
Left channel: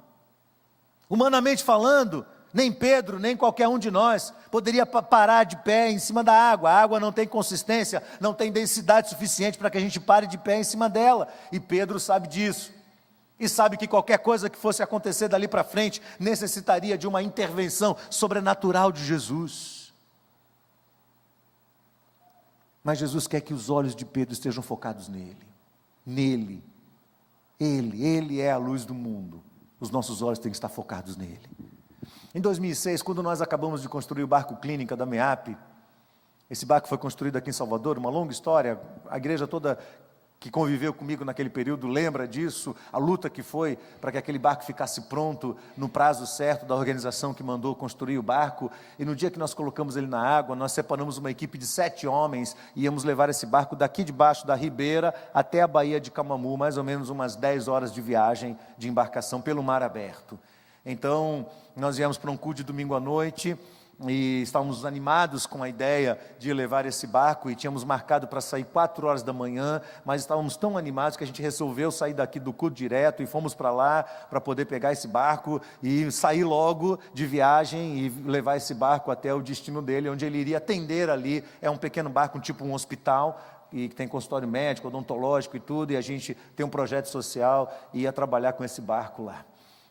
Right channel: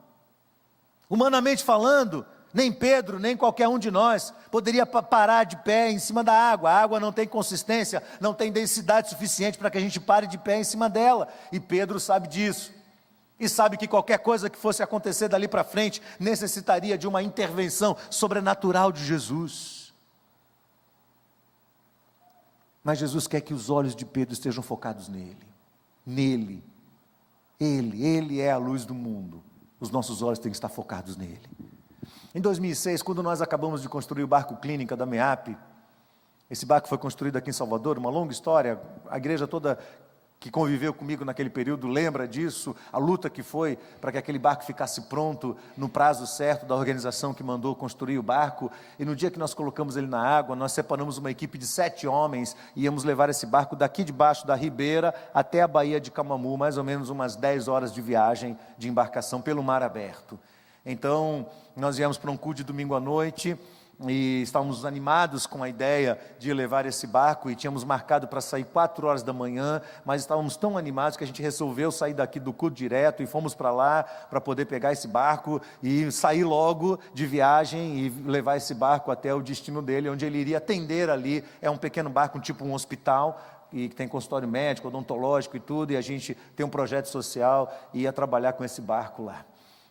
Humanamente falando, nem Pedro, nem qualquer um de nós poderia parar de pé em cima da água. A água não tem consistência, não tem densidade suficiente para que a gente pare de pé em cima dela. E Pedro sabe disso. E sabe que qualquer coisa que fosse acontecer dali para frente necessitaria de uma intervenção sobrenatural de Jesus. Mas Jesus quer que os olhos de Pedro estejam focados nele. Nele. Ele é a luz do mundo. Os nossos olhos têm que estar focados nele. Em 2006, quando nós acabamos de construir o barco Clínica da MEAP, esse barco foi construído aqui em Salvador, uma longa história, a igreja toda que conviveu comigo naquele período lembra disso, a luta que foi para que aquele barco ficasse pronto no prazo certo da organização que mandou construir o barco. E no dia que nós colocamos ele na água, nós separamos uma equipe de 7 homens e íamos levar esse barco daqui debaixo da ribeira até a Baía de Camamu, mais ou menos umas 10 horas de viagem de embarcação pelo mar aberto. Então nós viemos para um culto de domingo à noite e estávamos animados com a ideia de levar esse barco e tínhamos marcado para sair 4 horas da manhã, mas estávamos tão animados que a gente resolveu sair daqui do culto direto e fomos para lá para poder pegar esse barco e sair logo de viagem e levar esse barco até o destino dele, onde ele iria atender ali. É um pequeno barco, tipo um hospital, e que tem consultório médico, odontológico e tudo, e a gente tem um projeto social e ia trabalhar com esse barco lá.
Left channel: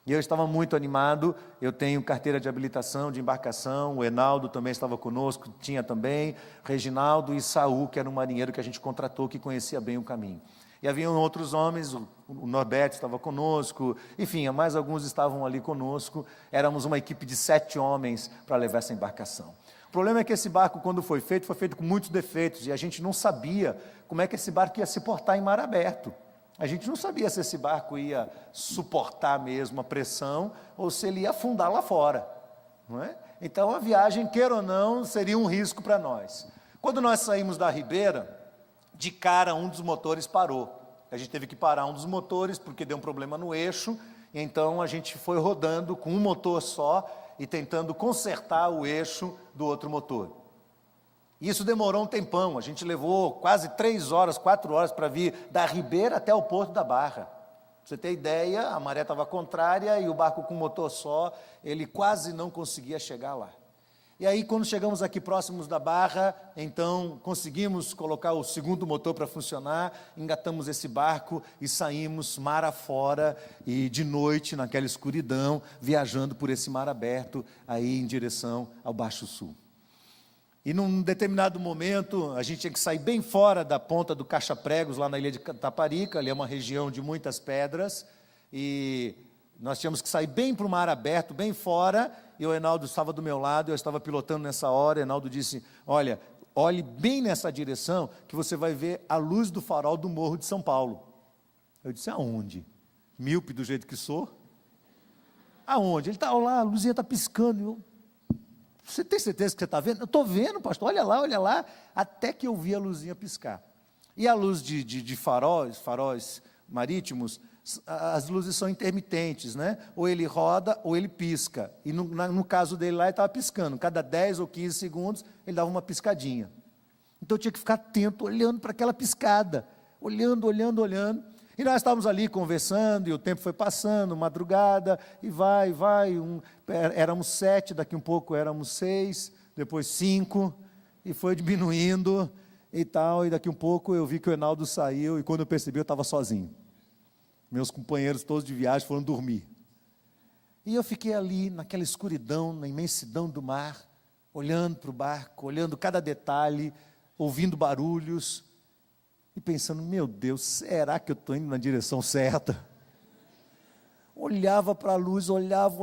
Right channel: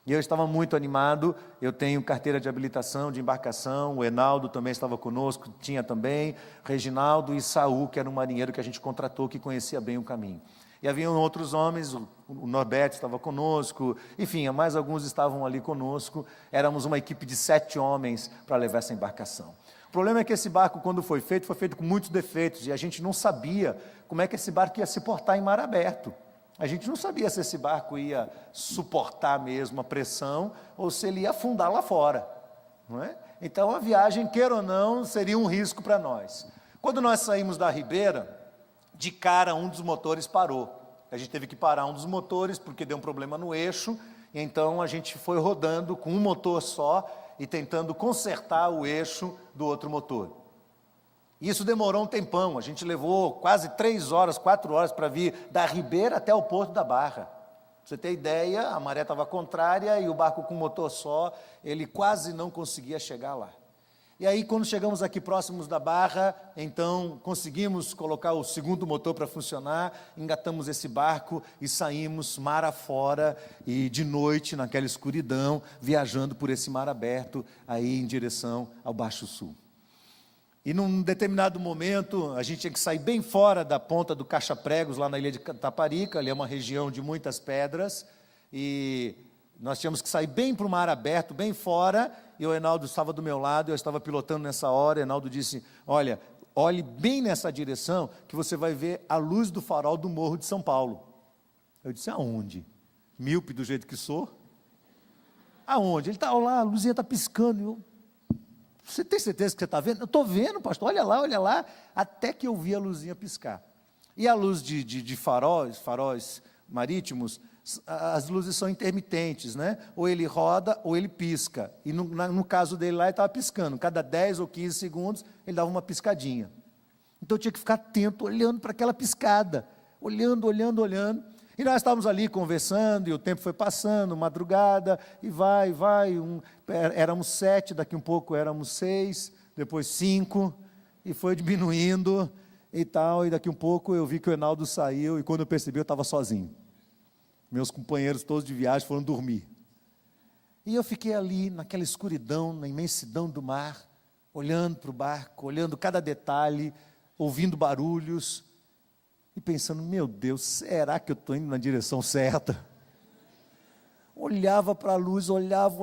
E eu estava muito animado, eu tenho carteira de habilitação, de embarcação, o Enaldo também estava conosco, tinha também, Reginaldo e Saul, que era um marinheiro que a gente contratou, que conhecia bem o caminho. E haviam outros homens, o Norberto estava conosco, enfim, mais alguns estavam ali conosco, éramos uma equipe de 7 homens para levar essa embarcação. O problema é que esse barco, quando foi feito com muitos defeitos, e a gente não sabia como é que esse barco ia se portar em mar aberto. A gente não sabia se esse barco ia suportar mesmo a pressão ou se ele ia afundar lá fora, não é? Então a viagem, queira ou não, seria um risco para nós. Quando nós saímos da ribeira, de cara um dos motores parou. A gente teve que parar um dos motores porque deu um problema no eixo, então a gente foi rodando com um motor só e tentando consertar o eixo do outro motor. Isso demorou um tempão, a gente levou quase 3 horas, 4 horas para vir da ribeira até o Porto da Barra. Pra você ter ideia, a maré estava contrária e o barco com motor só, ele quase não conseguia chegar lá. E aí, quando chegamos aqui próximos da Barra, então conseguimos colocar o segundo motor para funcionar, engatamos esse barco e saímos mar afora e de noite, naquela escuridão, viajando por esse mar aberto, aí em direção ao Baixo Sul. E num determinado momento, a gente tinha que sair bem fora da ponta do Caxa-Pregos, lá na ilha de Taparica, ali é uma região de muitas pedras, e nós tínhamos que sair bem para o mar aberto, bem fora, e o Enaldo estava do meu lado, eu estava pilotando nessa hora, o Enaldo disse, olha, olhe bem nessa direção, que você vai ver a luz do farol do Morro de São Paulo. Eu disse, aonde? Míope do jeito que sou? Aonde? Ele está lá, a luzinha está piscando, eu... Você tem certeza que você está vendo? Eu estou vendo, pastor, olha lá, até que eu vi a luzinha piscar. E a luz de faróis marítimos, as luzes são intermitentes, né? Ou ele roda ou ele pisca. E no caso dele lá, ele estava piscando. Cada 10 ou 15 segundos, ele dava uma piscadinha. Então eu tinha que ficar atento, olhando para aquela piscada. Olhando. E nós estávamos ali conversando, e o tempo foi passando, madrugada, e vai. Éramos 7, daqui um pouco éramos 6, depois 5, e foi diminuindo e tal. E daqui um pouco eu vi que o Enaldo saiu, e quando eu percebi, eu estava sozinho. Meus companheiros todos de viagem foram dormir. E eu fiquei ali, naquela escuridão, na imensidão do mar, olhando para o barco, olhando cada detalhe, ouvindo barulhos, e pensando, meu Deus, será que eu estou indo na direção certa? Olhava para a luz, olhava,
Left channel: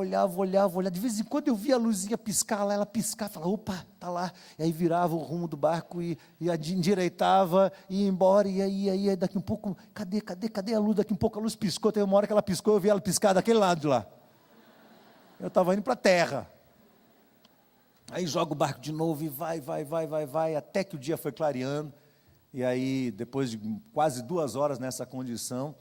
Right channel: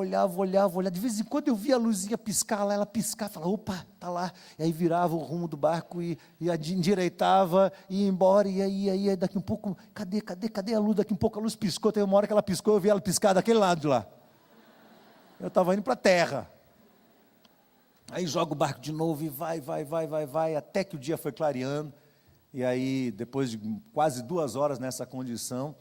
de vez em quando eu via a luzinha piscar lá, ela piscava, falava, opa, está lá, e aí virava o rumo do barco, e endireitava, e ia embora, e aí daqui um pouco, cadê a luz? Daqui um pouco a luz piscou, teve uma hora que ela piscou, eu vi ela piscar daquele lado de lá, eu estava indo para a terra, aí joga o barco de novo, e vai, até que o dia foi clareando, e aí, depois de quase 2 horas nessa condição,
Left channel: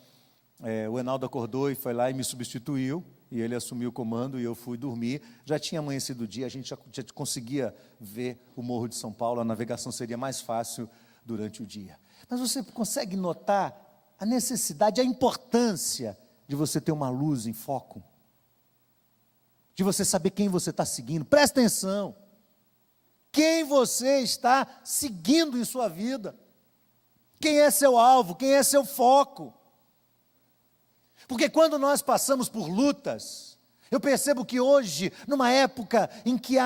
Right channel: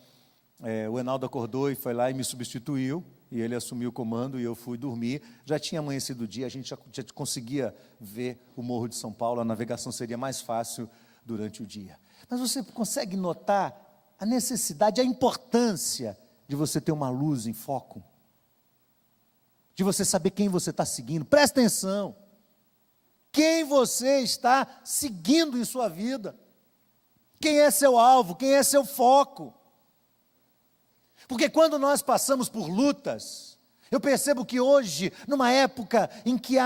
o Enaldo acordou e foi lá e me substituiu, e ele assumiu o comando e eu fui dormir. Já tinha amanhecido o dia, a gente já conseguia ver o Morro de São Paulo, a navegação seria mais fácil durante o dia. Mas você consegue notar a necessidade, a importância de você ter uma luz em foco, de você saber quem você está seguindo. Presta atenção, quem você está seguindo em sua vida, quem é seu alvo, quem é seu foco. Porque quando nós passamos por lutas, eu percebo que hoje, numa época em que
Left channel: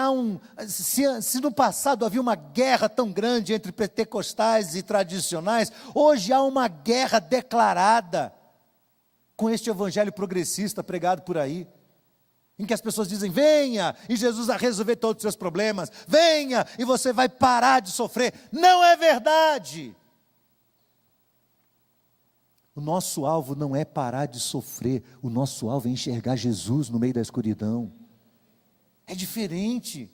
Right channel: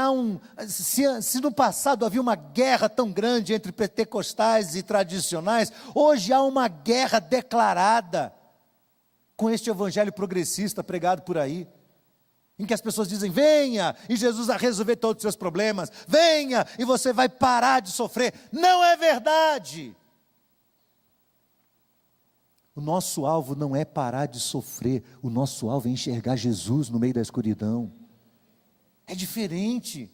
se no passado havia uma guerra tão grande entre pentecostais e tradicionais, hoje há uma guerra declarada com este evangelho progressista pregado por aí, em que as pessoas dizem, venha, e Jesus vai resolver todos os seus problemas, venha, e você vai parar de sofrer. Não é verdade. O nosso alvo não é parar de sofrer, o nosso alvo é enxergar Jesus no meio da escuridão. É diferente,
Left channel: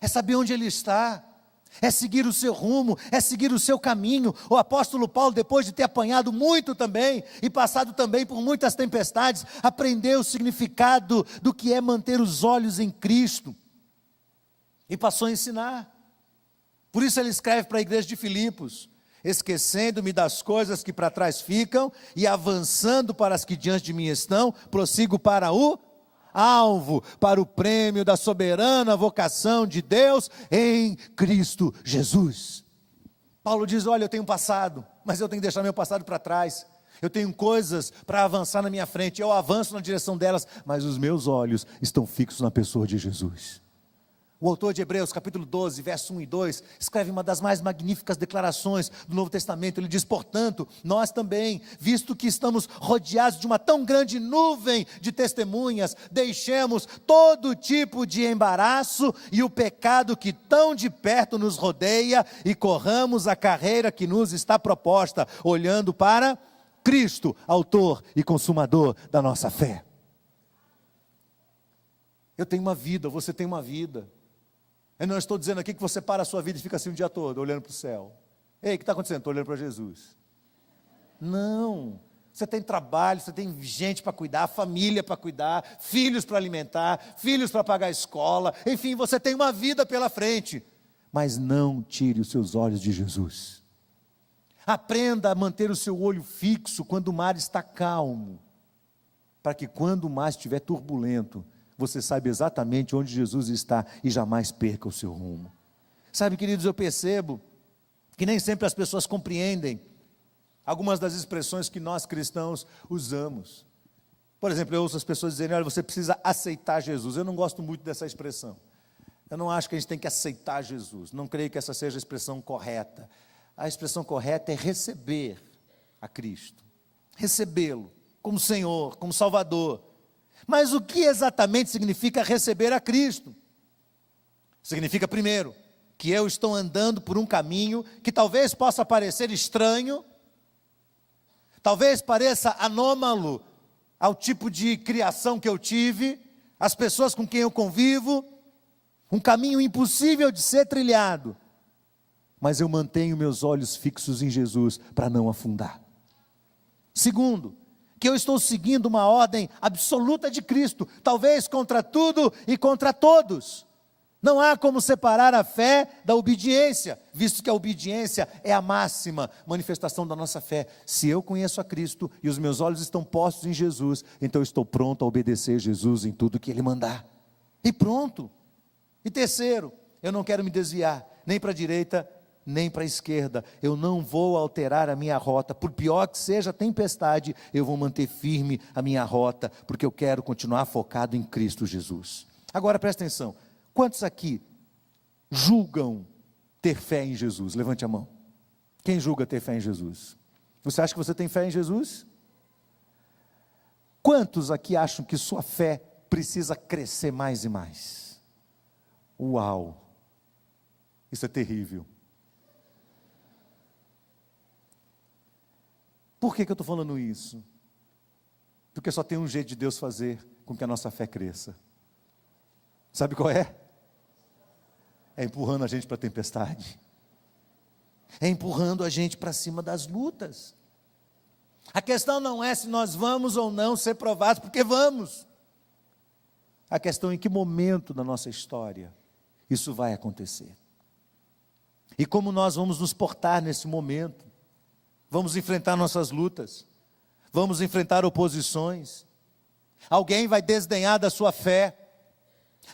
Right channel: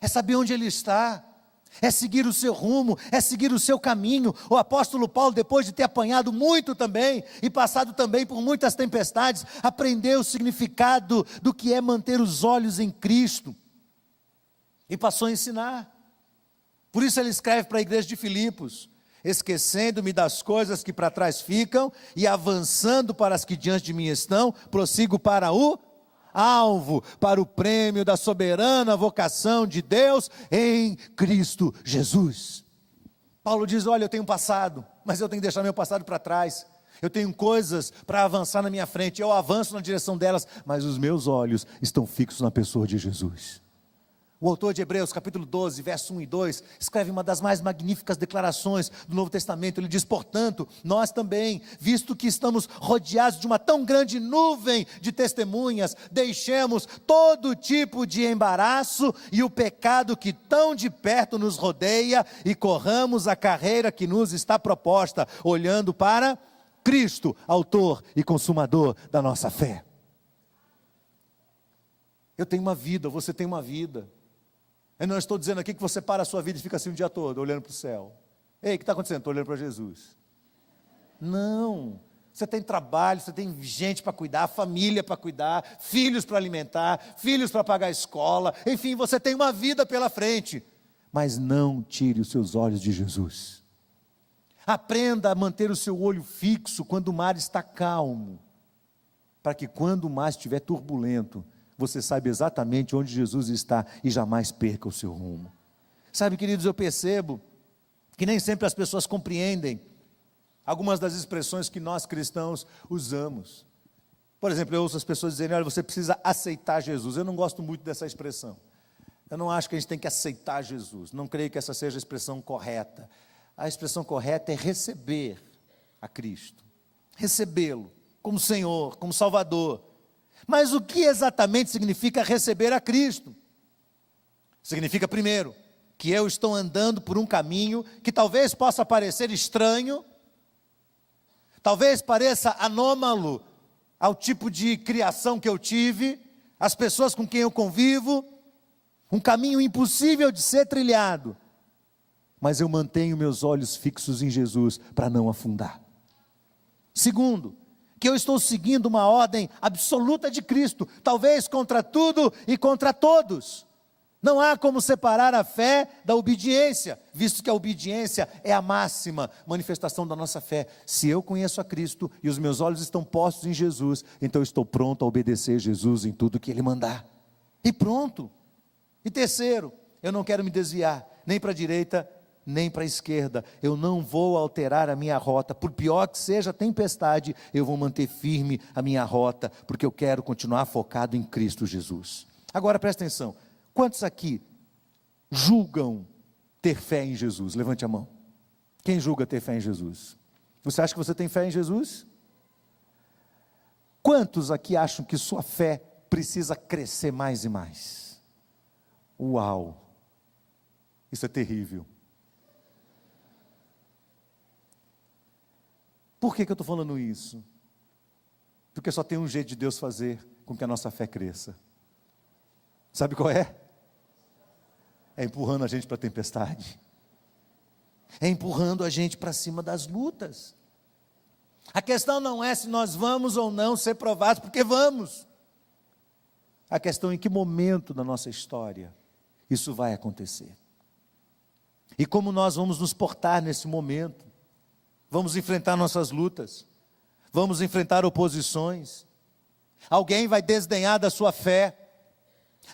é saber onde Ele está, é seguir o seu rumo, é seguir o seu caminho. O apóstolo Paulo, depois de ter apanhado muito também, e passado também por muitas tempestades, aprendeu o significado do que é manter os olhos em Cristo, e passou a ensinar. Por isso ele escreve para a igreja de Filipos, esquecendo-me das coisas que para trás ficam, e avançando para as que diante de mim estão, prossigo para o alvo, para o prêmio da soberana vocação de Deus em Cristo Jesus. Paulo diz, olha, eu tenho um passado, mas eu tenho que deixar meu passado para trás, eu tenho coisas para avançar na minha frente, eu avanço na direção delas, mas os meus olhos estão fixos na pessoa de Jesus. O autor de Hebreus, capítulo 12, verso 1 e 2, escreve uma das mais magníficas declarações do Novo Testamento. Ele diz, portanto, nós também, visto que estamos rodeados de uma tão grande nuvem de testemunhas, deixemos todo tipo de embaraço e o pecado que tão de perto nos rodeia, e corramos a carreira que nos está proposta, olhando para Cristo, autor e consumador da nossa fé. Eu tenho uma vida, você tem uma vida. Eu não estou dizendo aqui que você para a sua vida e fica assim o dia todo, olhando para o céu. Ei, o que está acontecendo? Estou olhando para Jesus. Não, você tem trabalho, você tem gente para cuidar, família para cuidar, filhos para alimentar, filhos para pagar a escola, enfim, você tem uma vida pela frente. Mas não tire os seus olhos de Jesus. Aprenda a manter o seu olho fixo quando o mar está calmo, para que quando o mar estiver turbulento, você saiba exatamente onde Jesus está e jamais perca o seu rumo. Sabe, queridos, eu percebo que nem sempre as pessoas compreendem algumas das expressões que nós cristãos usamos. Por exemplo, eu ouço as pessoas dizerem, olha, você precisa aceitar Jesus. Eu não gosto muito dessa expressão. Eu não acho que a gente tem que aceitar Jesus. Não creio que essa seja a expressão correta. A expressão correta é receber a Cristo. Recebê-lo como Senhor, como Salvador. Mas o que exatamente significa receber a Cristo? Significa, primeiro, que eu estou andando por um caminho que talvez possa parecer estranho, talvez pareça anômalo ao tipo de criação que eu tive, às pessoas com quem eu convivo, um caminho impossível de ser trilhado, mas eu mantenho meus olhos fixos em Jesus para não afundar. Segundo, que eu estou seguindo uma ordem absoluta de Cristo, talvez contra tudo e contra todos. Não há como separar a fé da obediência, visto que a obediência é a máxima manifestação da nossa fé. Se eu conheço a Cristo e os meus olhos estão postos em Jesus, então eu estou pronto a obedecer Jesus em tudo que Ele mandar. E pronto. E terceiro, eu não quero me desviar, nem para a direita, nem para a esquerda. Eu não vou alterar a minha rota, por pior que seja a tempestade, eu vou manter firme a minha rota, porque eu quero continuar focado em Cristo Jesus. Agora presta atenção. Quantos aqui julgam ter fé em Jesus? Levante a mão. Quem julga ter fé em Jesus? Você acha que você tem fé em Jesus? Quantos aqui acham que sua fé precisa crescer mais e mais? Uau! Isso é terrível. Por que eu estou falando isso? Porque só tem um jeito de Deus fazer com que a nossa fé cresça. Sabe qual é? É empurrando a gente para a tempestade. É empurrando a gente para cima das lutas. A questão não é se nós vamos ou não ser provados, porque vamos. A questão é em que momento da nossa história isso vai acontecer. E como nós vamos nos portar nesse momento. Vamos enfrentar nossas lutas. Vamos enfrentar oposições. Alguém vai desdenhar da sua fé.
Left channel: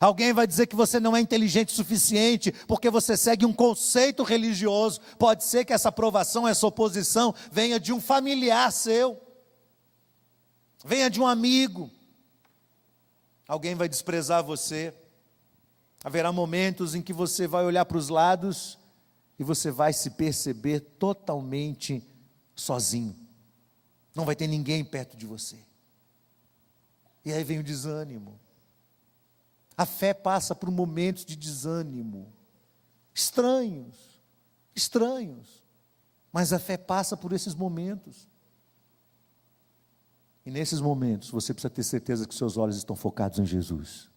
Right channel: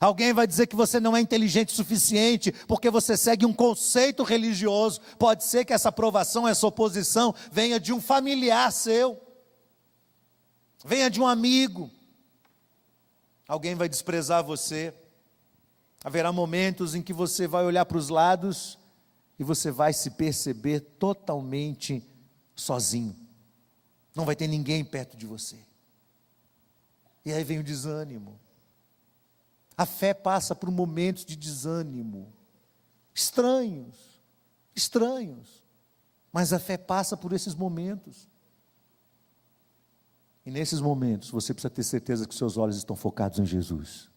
Alguém vai dizer que você não é inteligente o suficiente, porque você segue um conceito religioso. Pode ser que essa aprovação, essa oposição, venha de um familiar seu, venha de um amigo. Alguém vai desprezar você. Haverá momentos em que você vai olhar para os lados e você vai se perceber totalmente sozinho. Não vai ter ninguém perto de você. E aí vem o desânimo. A fé passa por momentos de desânimo, estranhos, mas a fé passa por esses momentos. E nesses momentos você precisa ter certeza que seus olhos estão focados em Jesus,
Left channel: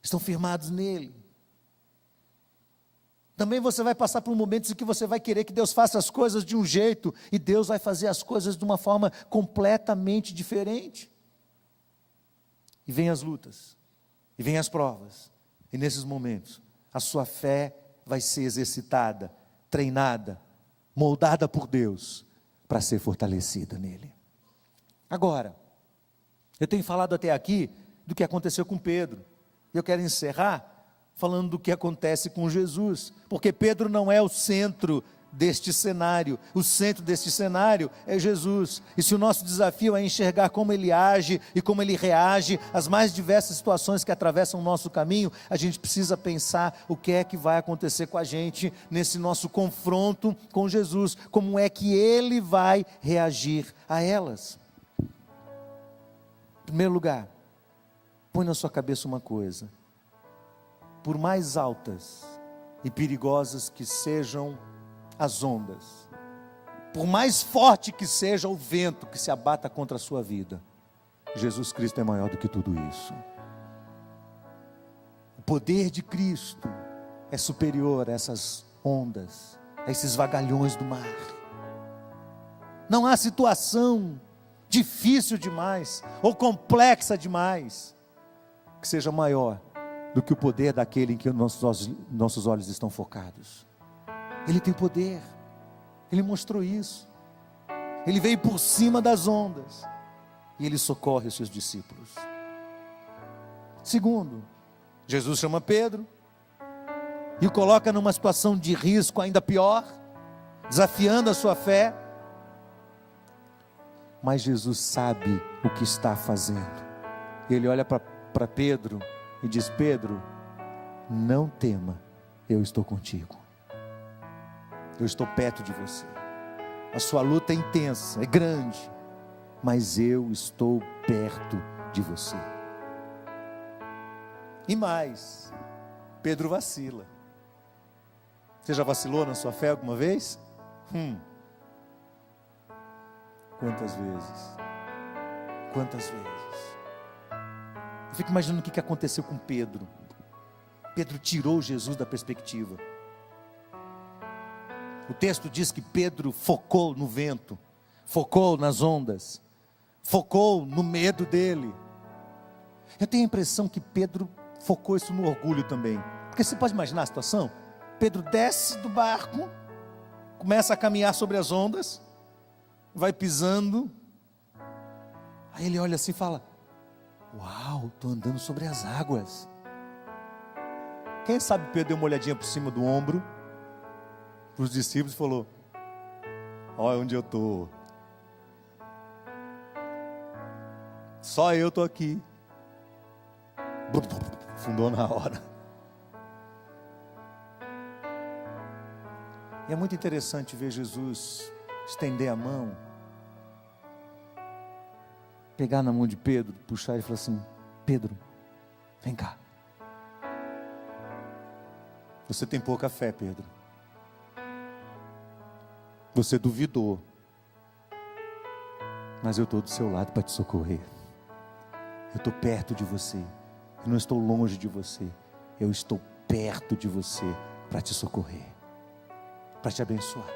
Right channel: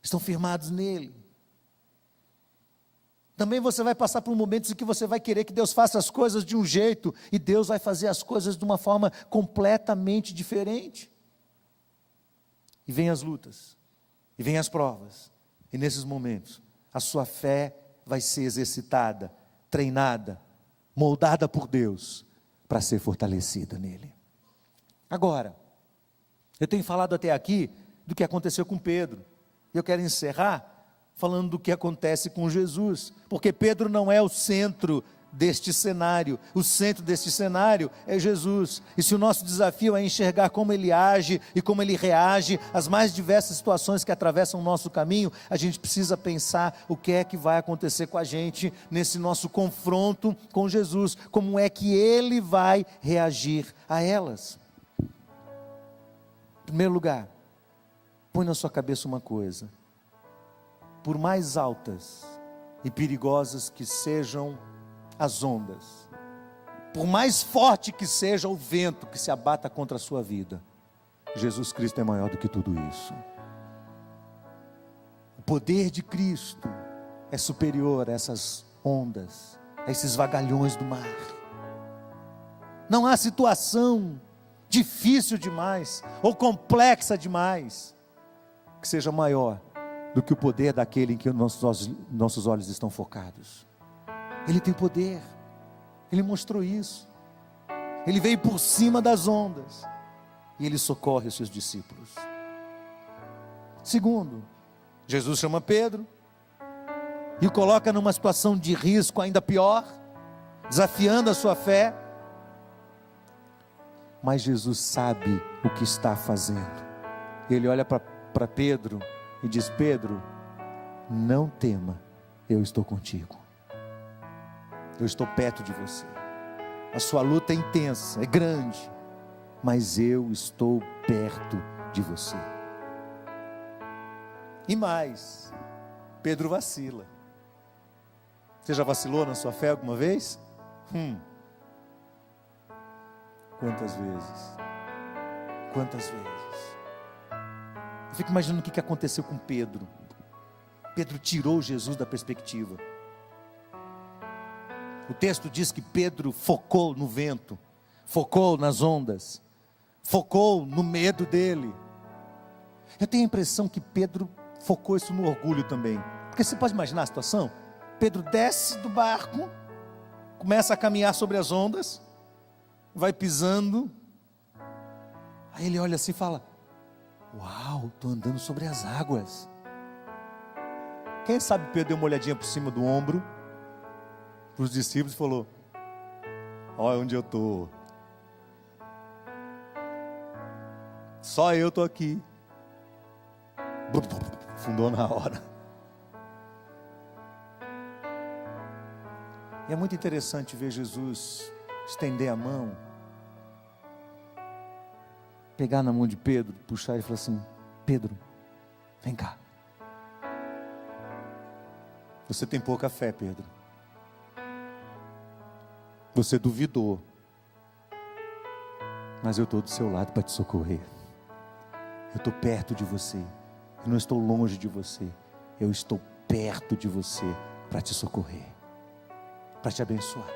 estão firmados nele. Também você vai passar por momentos em que você vai querer que Deus faça as coisas de um jeito, e Deus vai fazer as coisas de uma forma completamente diferente. E vem as lutas. E vem as provas, e nesses momentos, a sua fé vai ser exercitada, treinada, moldada por Deus, para ser fortalecida nele. Agora, eu tenho falado até aqui do que aconteceu com Pedro, e eu quero encerrar falando do que acontece com Jesus, porque Pedro não é o centro deste cenário, o centro deste cenário é Jesus, e se o nosso desafio é enxergar como Ele age e como Ele reage às mais diversas situações que atravessam o nosso caminho, a gente precisa pensar o que é que vai acontecer com a gente nesse nosso confronto com Jesus, como é que Ele vai reagir a elas. Em primeiro lugar, põe na sua cabeça uma coisa: por mais altas e perigosas que sejam as ondas, por mais forte que seja o vento que se abata contra a sua vida, Jesus Cristo é maior do que tudo isso. O poder de Cristo é superior a essas ondas, a esses vagalhões do mar. Não há situação difícil demais ou complexa demais que seja maior do que o poder daquele em que nossos olhos estão focados. Ele tem poder, Ele mostrou isso. Ele veio por cima das ondas e Ele socorre os seus discípulos. Segundo, Jesus chama Pedro e o coloca numa situação de risco ainda pior, desafiando a sua fé. Mas Jesus sabe o que está fazendo. Ele olha para Pedro e diz: Pedro, não tema, eu estou contigo. Eu estou perto de você. A sua luta é intensa, é grande, mas eu estou perto de você. E mais, Pedro vacila. Você já vacilou na sua fé alguma vez? Quantas vezes? Quantas vezes? Eu fico imaginando o que aconteceu com Pedro. Pedro tirou Jesus da perspectiva. O texto diz que Pedro focou no vento, focou nas ondas, focou no medo dele. Eu tenho a impressão que Pedro focou isso no orgulho também. Porque você pode imaginar a situação? Pedro desce do barco, começa a caminhar sobre as ondas, vai pisando. Aí ele olha assim e fala: uau, estou andando sobre as águas. Quem sabe Pedro deu uma olhadinha por cima do ombro para os discípulos e falou: olha onde eu estou. Só eu estou aqui. Fundou na hora. E é muito interessante ver Jesus estender a mão, pegar na mão de Pedro, puxar e falar assim: Pedro, vem cá. Você tem pouca fé, Pedro. Você duvidou, mas eu estou do seu lado para te socorrer. Eu estou perto de você. Eu não estou longe de você. Eu estou perto de você para te socorrer, para te abençoar,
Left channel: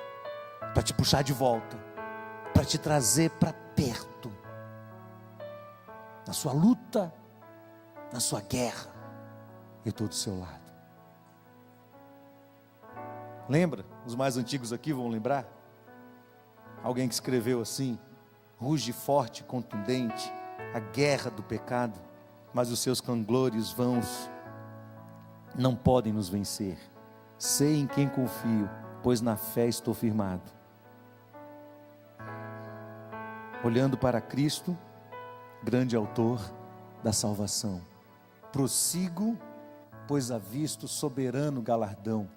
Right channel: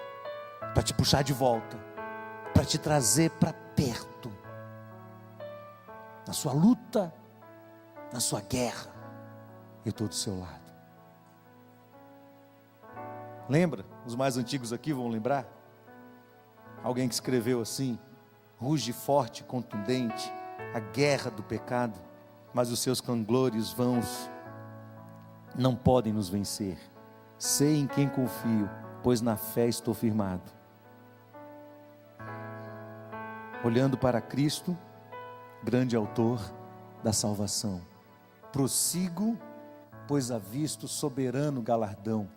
para te puxar de volta, para te trazer para perto. Na sua luta, na sua guerra, eu estou do seu lado. Lembra? Os mais antigos aqui vão lembrar. Alguém que escreveu assim: ruge forte e contundente a guerra do pecado, mas os seus canglores vãos não podem nos vencer. Sei em quem confio, pois na fé estou firmado. Olhando para Cristo, grande autor da salvação, prossigo, pois avisto soberano galardão.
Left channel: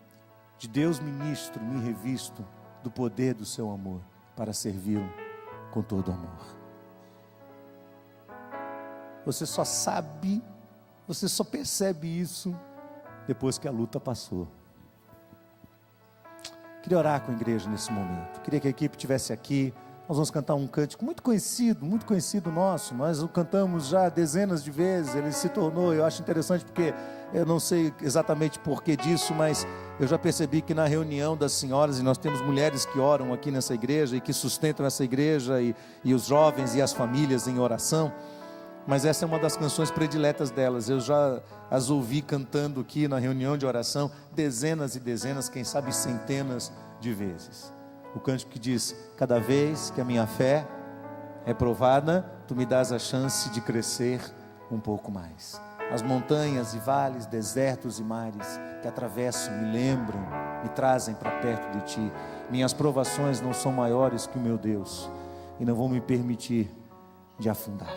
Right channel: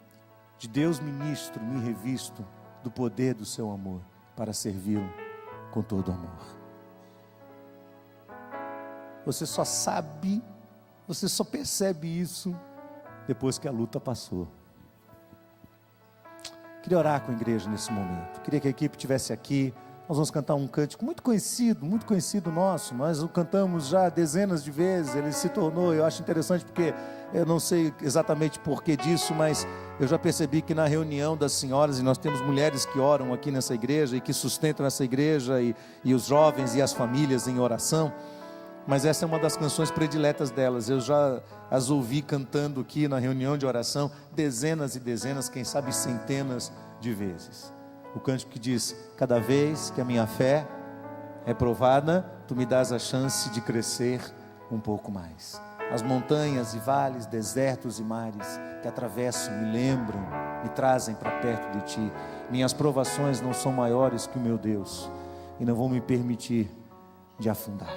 De Deus ministro, me revisto do poder do seu amor, para servi-lo com todo amor. Você só sabe, você só percebe isso depois que a luta passou. Queria orar com a igreja nesse momento. Queria que a equipe estivesse aqui. Nós vamos cantar um cântico muito conhecido nosso. Nós o cantamos já dezenas de vezes. Ele se tornou, eu acho interessante porque eu não sei exatamente porquê disso, mas eu já percebi que na reunião das senhoras, e nós temos mulheres que oram aqui nessa igreja e que sustentam essa igreja, e os jovens e as famílias em oração. Mas essa é uma das canções prediletas delas. Eu já as ouvi cantando aqui na reunião de oração dezenas e dezenas, quem sabe centenas de vezes. O cântico que diz: cada vez que a minha fé é provada, tu me dás a chance de crescer um pouco mais. As montanhas e vales, desertos e mares que atravesso me lembram, me trazem para perto de ti. Minhas provações não são maiores que o meu Deus e não vão me permitir de afundar.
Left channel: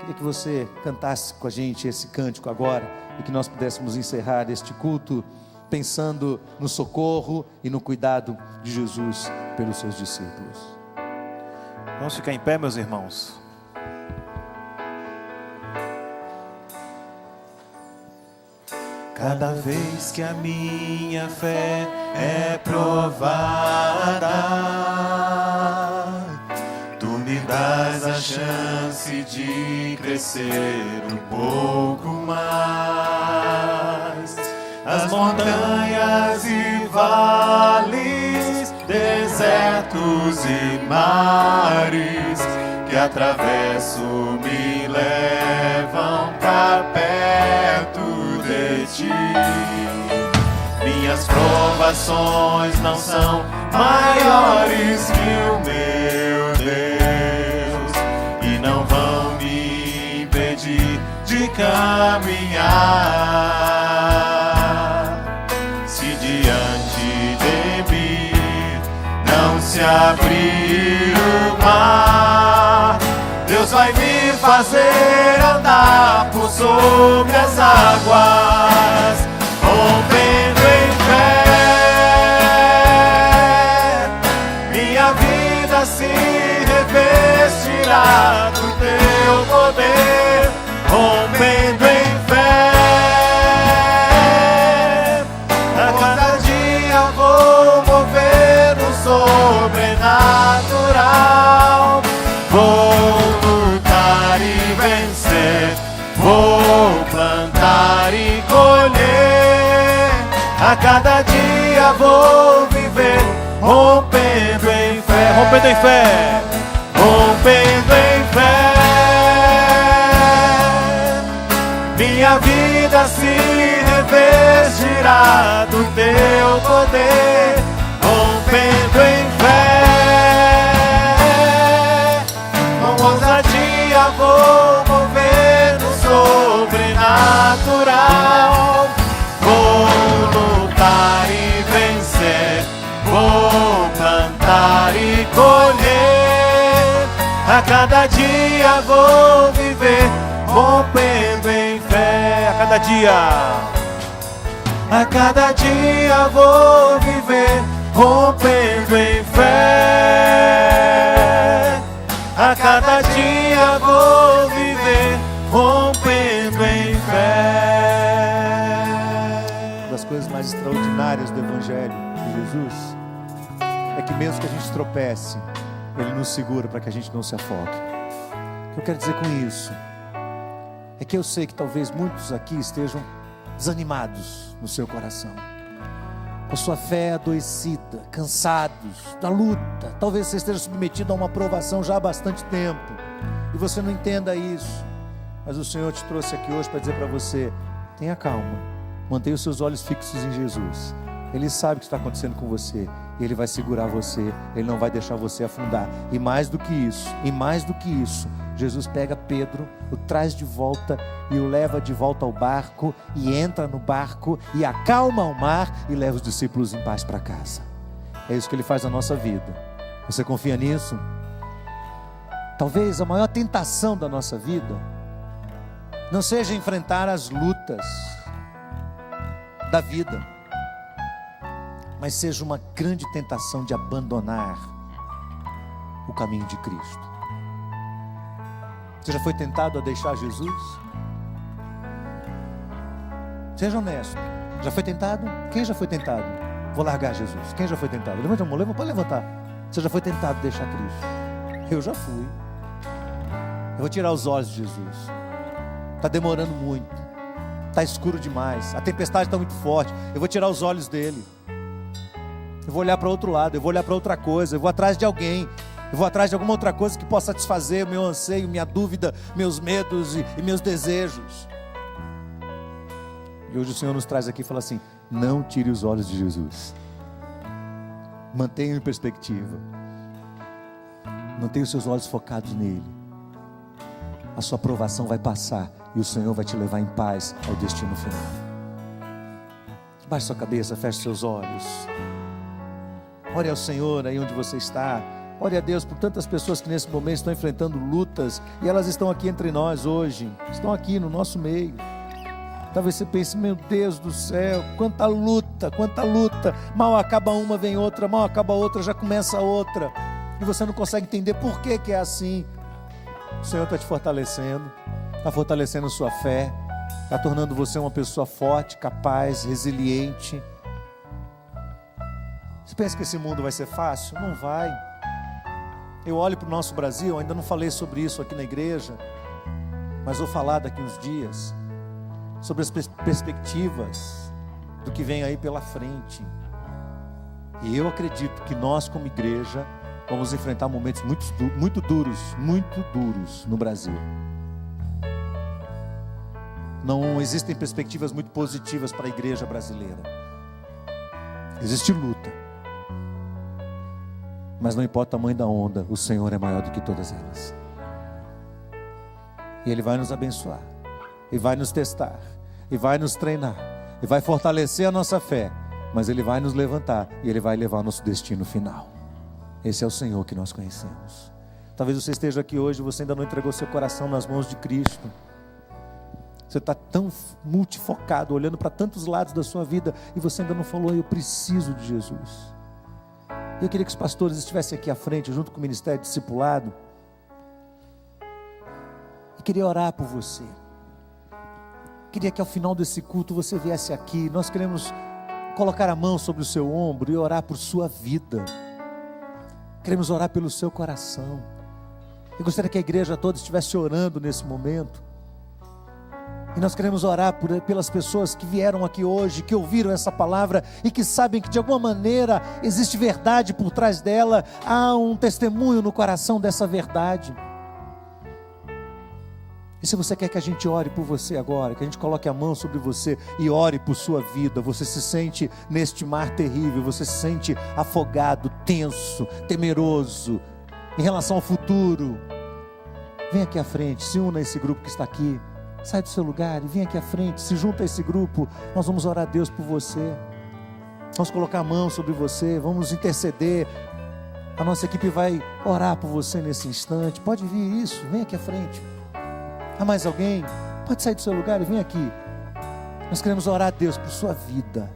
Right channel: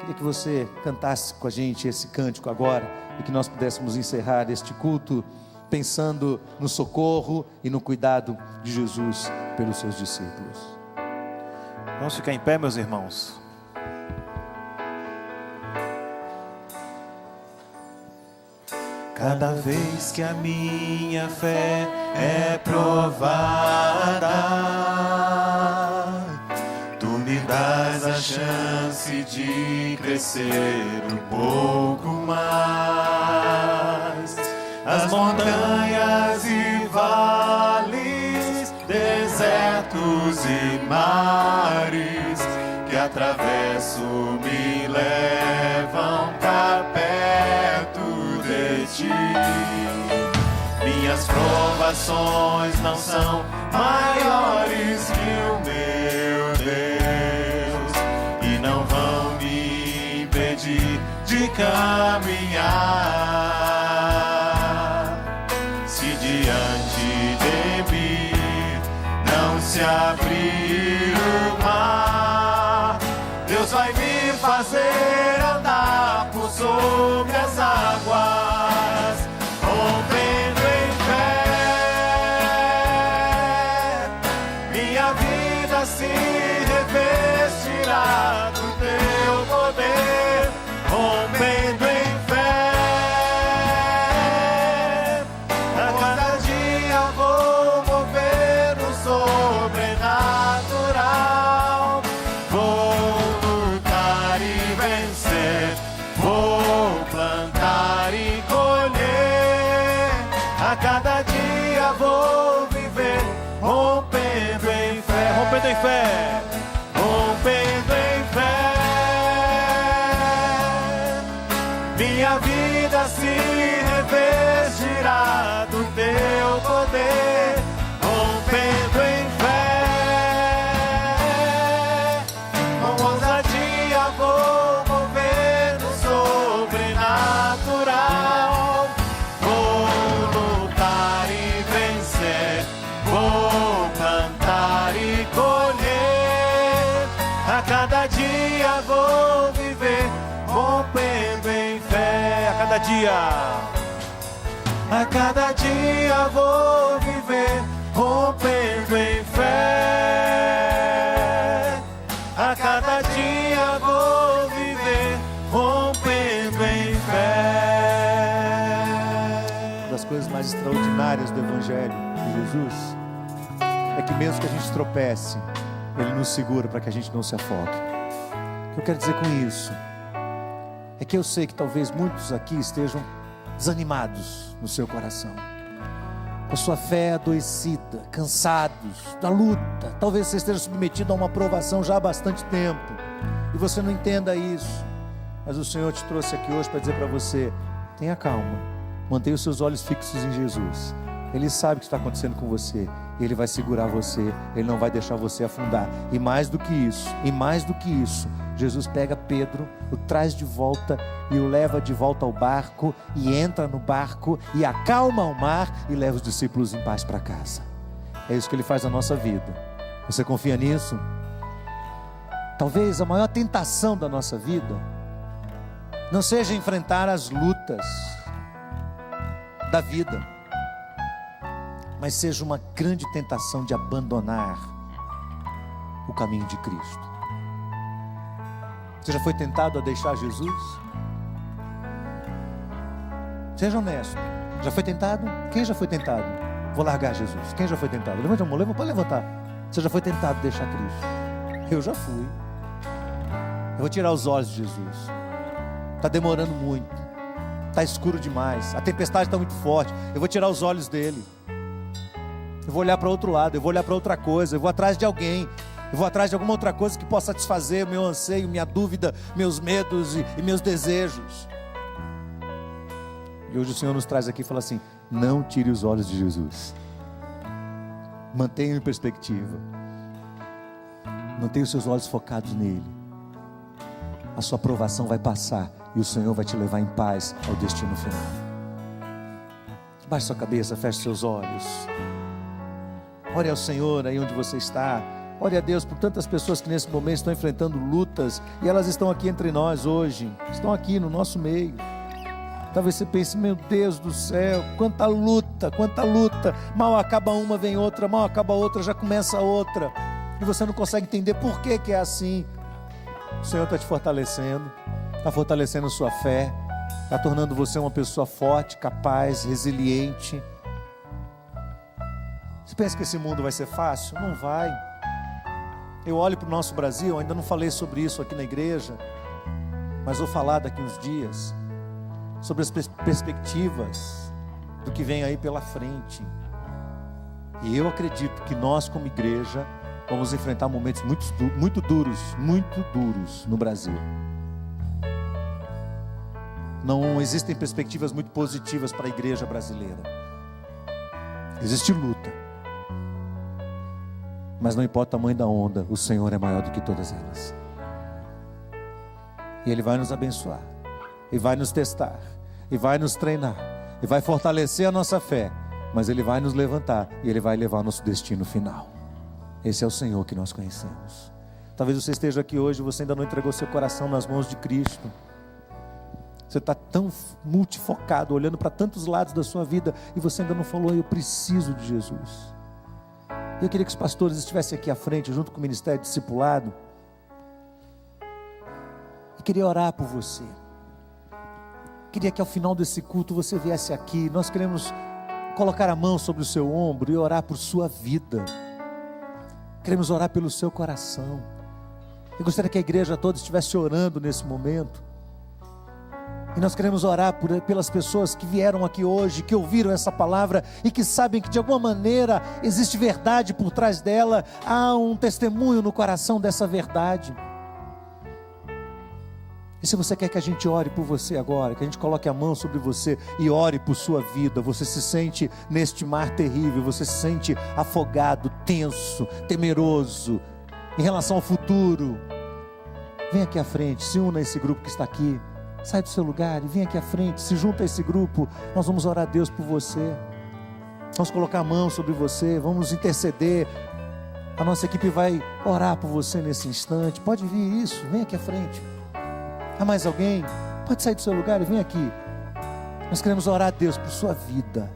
Queria que você cantasse com a gente esse cântico agora e que nós pudéssemos encerrar este culto pensando no socorro e no cuidado de Jesus pelos seus discípulos. Vamos ficar em pé, meus irmãos. Cada vez que a minha fé é provada, tu me dás a chance de crescer um pouco mais. As montanhas e vales, desertos e mares que atravesso me levam para perto de ti. Minhas provações não são maiores que o meu Deus e não vão me impedir de caminhar. Se diante de mim não se abrir o mar, Deus vai me fazer andar por sobre as águas, rompendo em fé. Minha vida se revestirá do teu poder, rompendo em fé. A cada dia vou mover no sobrenatural. Vou lutar e vencer, vou plantar e colher. A cada dia vou viver rompendo em fé, rompendo em fé, rompendo em fé. dia vou viver rompendo em fé. A cada dia vou viver rompendo em fé. Uma das coisas mais extraordinárias do Evangelho de Jesus é que mesmo que a gente tropece, Ele nos segura para que a gente não se afogue. O que eu quero dizer com isso é que eu sei que talvez muitos aqui estejam desanimados no seu coração, com sua fé adoecida, cansados da luta. Talvez você esteja submetido a uma provação já há bastante tempo e você não entenda isso, mas o Senhor te trouxe aqui hoje para dizer para você: tenha calma, mantenha os seus olhos fixos em Jesus. Ele sabe o que está acontecendo com você, Ele vai segurar você, Ele não vai deixar você afundar. E mais do que isso, Jesus pega Pedro, o traz de volta e o leva de volta ao barco, e entra no barco e acalma o mar e leva os discípulos em paz para casa. É isso que Ele faz na nossa vida. Você confia nisso? Talvez a maior tentação da nossa vida não seja enfrentar as lutas da vida, mas seja uma grande tentação de abandonar o caminho de Cristo. Você já foi tentado a deixar Jesus? Seja honesto. Já foi tentado? Quem já foi tentado? Vou largar Jesus. Quem já foi tentado? Levanta a mão, pode levantar. Você já foi tentado a deixar Cristo? Eu já fui. Eu vou tirar os olhos de Jesus. Está demorando muito. Está escuro demais. A tempestade está muito forte. Eu vou tirar os olhos dele. Eu vou olhar para outro lado. Eu vou olhar para outra coisa. Eu vou atrás de alguém. Eu vou atrás de alguma outra coisa que possa satisfazer o meu anseio, minha dúvida, meus medos e meus desejos. E hoje o Senhor nos traz aqui e fala assim: não tire os olhos de Jesus. Mantenha em perspectiva. Mantenha os seus olhos focados nele. A sua provação vai passar e o Senhor vai te levar em paz ao destino final. Baixe sua cabeça, feche seus olhos. Ore ao Senhor aí onde você está. Ore a Deus por tantas pessoas que nesse momento estão enfrentando lutas, e elas estão aqui entre nós hoje, estão aqui no nosso meio. Talvez você pense: meu Deus do céu, quanta luta, mal acaba uma, vem outra, mal acaba outra, já começa outra, e você não consegue entender por que é assim. O Senhor está te fortalecendo, está fortalecendo sua fé, está tornando você uma pessoa forte, capaz, resiliente. Você pensa que esse mundo vai ser fácil? Não vai. Eu olho para o nosso Brasil, ainda não falei sobre isso aqui na igreja, mas vou falar daqui uns dias sobre as perspectivas do que vem aí pela frente. E eu acredito que nós, como igreja, vamos enfrentar momentos muito duros no Brasil. Não existem perspectivas muito positivas para a igreja brasileira. Existe luta. Mas não importa o tamanho da onda, o Senhor é maior do que todas elas. E Ele vai nos abençoar, e vai nos testar, e vai nos treinar, e vai fortalecer a nossa fé. Mas Ele vai nos levantar, e Ele vai levar ao nosso destino final. Esse é o Senhor que nós conhecemos. Talvez você esteja aqui hoje e você ainda não entregou seu coração nas mãos de Cristo. Você está tão multifocado, olhando para tantos lados da sua vida, e você ainda não falou: eu preciso de Jesus. Eu queria que os pastores estivessem aqui à frente, junto com o Ministério Discipulado. Eu queria orar por você. Queria que ao final desse culto você viesse aqui. Nós queremos colocar a mão sobre o seu ombro e orar por sua vida. Queremos orar pelo seu coração. Eu gostaria que a igreja toda estivesse orando nesse momento. E nós queremos orar pelas pessoas que vieram aqui hoje, que ouviram essa palavra e que sabem que de alguma maneira existe verdade por trás dela. Há um testemunho no coração dessa verdade. E se você quer que a gente ore por você agora, que a gente coloque a mão sobre você e ore por sua vida, você se sente neste mar terrível, você se sente afogado, tenso, temeroso em relação ao futuro, vem aqui à frente, se una a esse grupo que está aqui. Sai do seu lugar e vem aqui à frente, se junta a esse grupo. Nós vamos orar a Deus por você. Vamos colocar a mão sobre você, vamos interceder. A nossa equipe vai orar por você nesse instante. Pode vir isso, vem aqui à frente. Há mais alguém? Pode sair do seu lugar e vem aqui. Nós queremos orar a Deus por sua vida.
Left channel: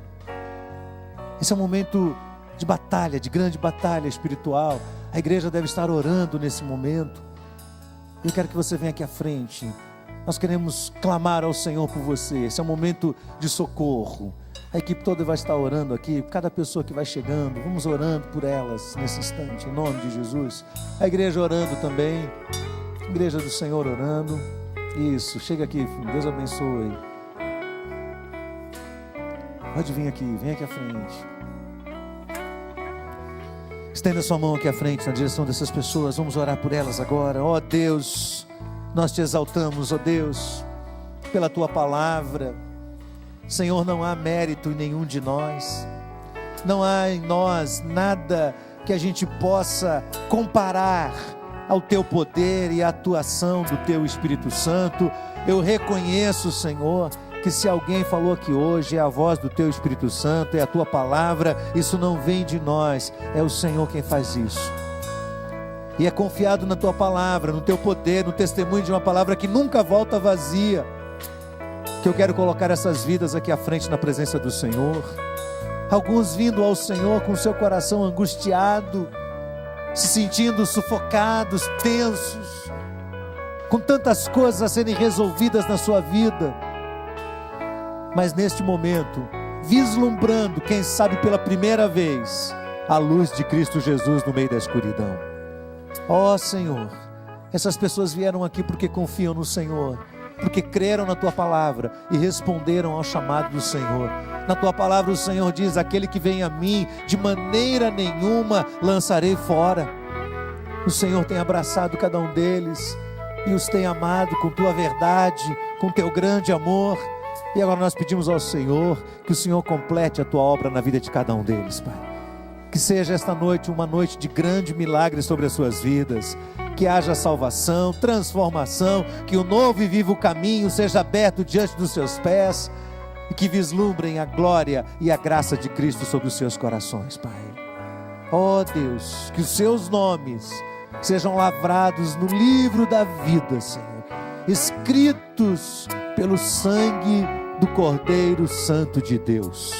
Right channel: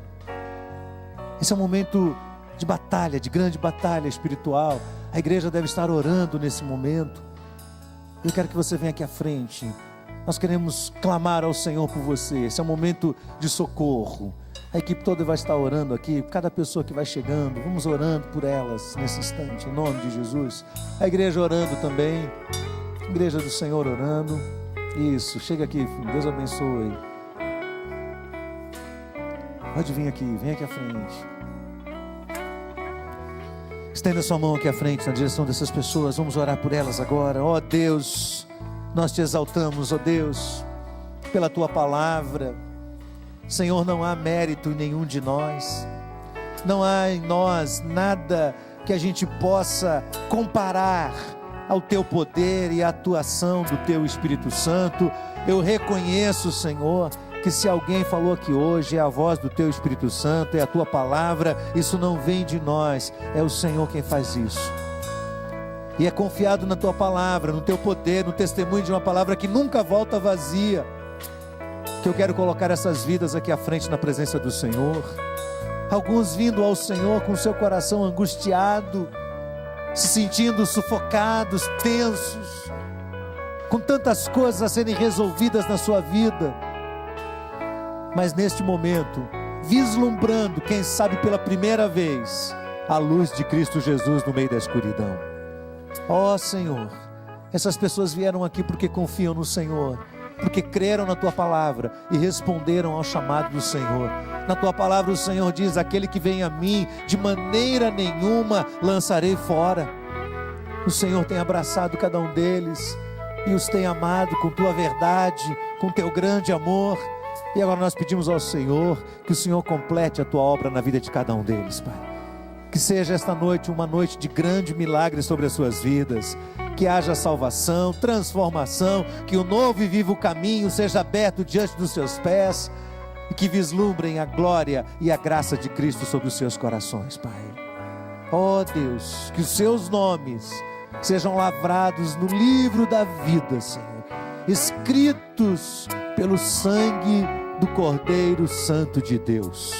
Esse é um momento de batalha, de grande batalha espiritual. A igreja deve estar orando nesse momento. Eu quero que você venha aqui à frente. Nós queremos clamar ao Senhor por você. Esse é um momento de socorro. A equipe toda vai estar orando aqui. Cada pessoa que vai chegando, vamos orando por elas nesse instante, em nome de Jesus. A igreja orando também. A igreja do Senhor orando. Isso, chega aqui, filho. Deus abençoe. Pode vir aqui, vem aqui à frente. Estenda sua mão aqui à frente na direção dessas pessoas. Vamos orar por elas agora. Ó Deus, nós te exaltamos, ó Deus, pela tua palavra. Senhor, não há mérito em nenhum de nós. Não há em nós nada que a gente possa comparar ao teu poder e à atuação do teu Espírito Santo. Eu reconheço, Senhor, que se alguém falou aqui hoje, é a voz do teu Espírito Santo, é a tua palavra. Isso não vem de nós, é o Senhor quem faz isso. E é confiado na tua palavra, no teu poder, no testemunho de uma palavra que nunca volta vazia, que eu quero colocar essas vidas aqui à frente na presença do Senhor. Alguns vindo ao Senhor com seu coração angustiado, se sentindo sufocados, tensos, com tantas coisas a serem resolvidas na sua vida, mas neste momento, vislumbrando, quem sabe pela primeira vez, a luz de Cristo Jesus no meio da escuridão. Ó Senhor, essas pessoas vieram aqui porque confiam no Senhor, porque creram na tua palavra e responderam ao chamado do Senhor. Na tua palavra o Senhor diz: aquele que vem a mim, de maneira nenhuma lançarei fora. O Senhor tem abraçado cada um deles e os tem amado com tua verdade, com teu grande amor. E agora nós pedimos ao Senhor que o Senhor complete a tua obra na vida de cada um deles, Pai. Que seja esta noite uma noite de grande milagre sobre as suas vidas. Que haja salvação, transformação, que o novo e vivo caminho seja aberto diante dos seus pés e que vislumbrem a glória e a graça de Cristo sobre os seus corações, Pai. Ó Deus, que os seus nomes sejam lavrados no livro da vida, Senhor, escritos pelo sangue do Cordeiro Santo de Deus,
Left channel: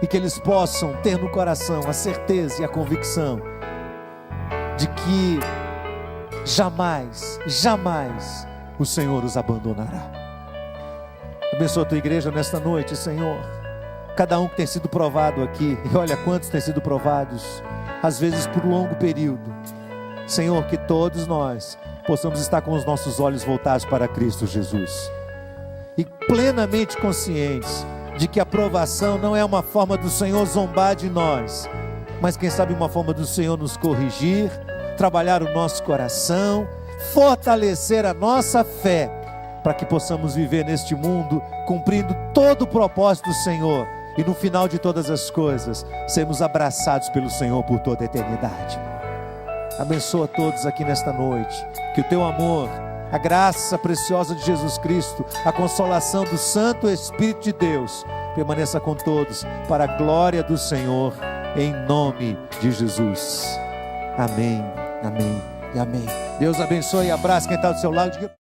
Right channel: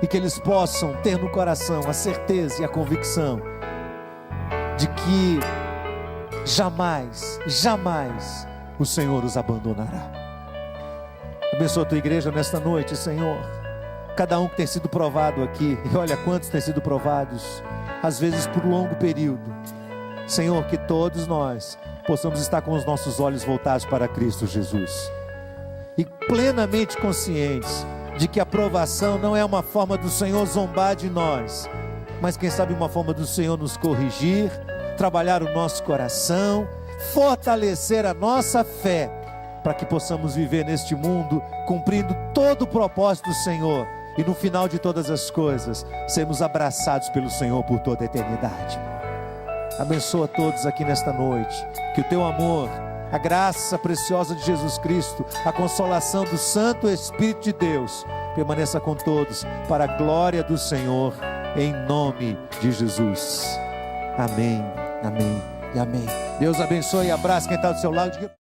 e que eles possam ter no coração a certeza e a convicção de que jamais, jamais o Senhor os abandonará. Abençoa a tua igreja nesta noite, Senhor. Cada um que tem sido provado aqui, e olha quantos têm sido provados, às vezes por longo período. Senhor, que todos nós possamos estar com os nossos olhos voltados para Cristo Jesus e plenamente conscientes de que a provação não é uma forma do Senhor zombar de nós, mas quem sabe uma forma do Senhor nos corrigir, trabalhar o nosso coração, fortalecer a nossa fé, para que possamos viver neste mundo, cumprindo todo o propósito do Senhor, e no final de todas as coisas, sermos abraçados pelo Senhor por toda a eternidade. Abençoa todos aqui nesta noite, que o teu amor, a graça preciosa de Jesus Cristo, a consolação do Santo Espírito de Deus, permaneça com todos, para a glória do Senhor, em nome de Jesus. Amém, amém e amém. Deus abençoe e abrace quem está do seu lado.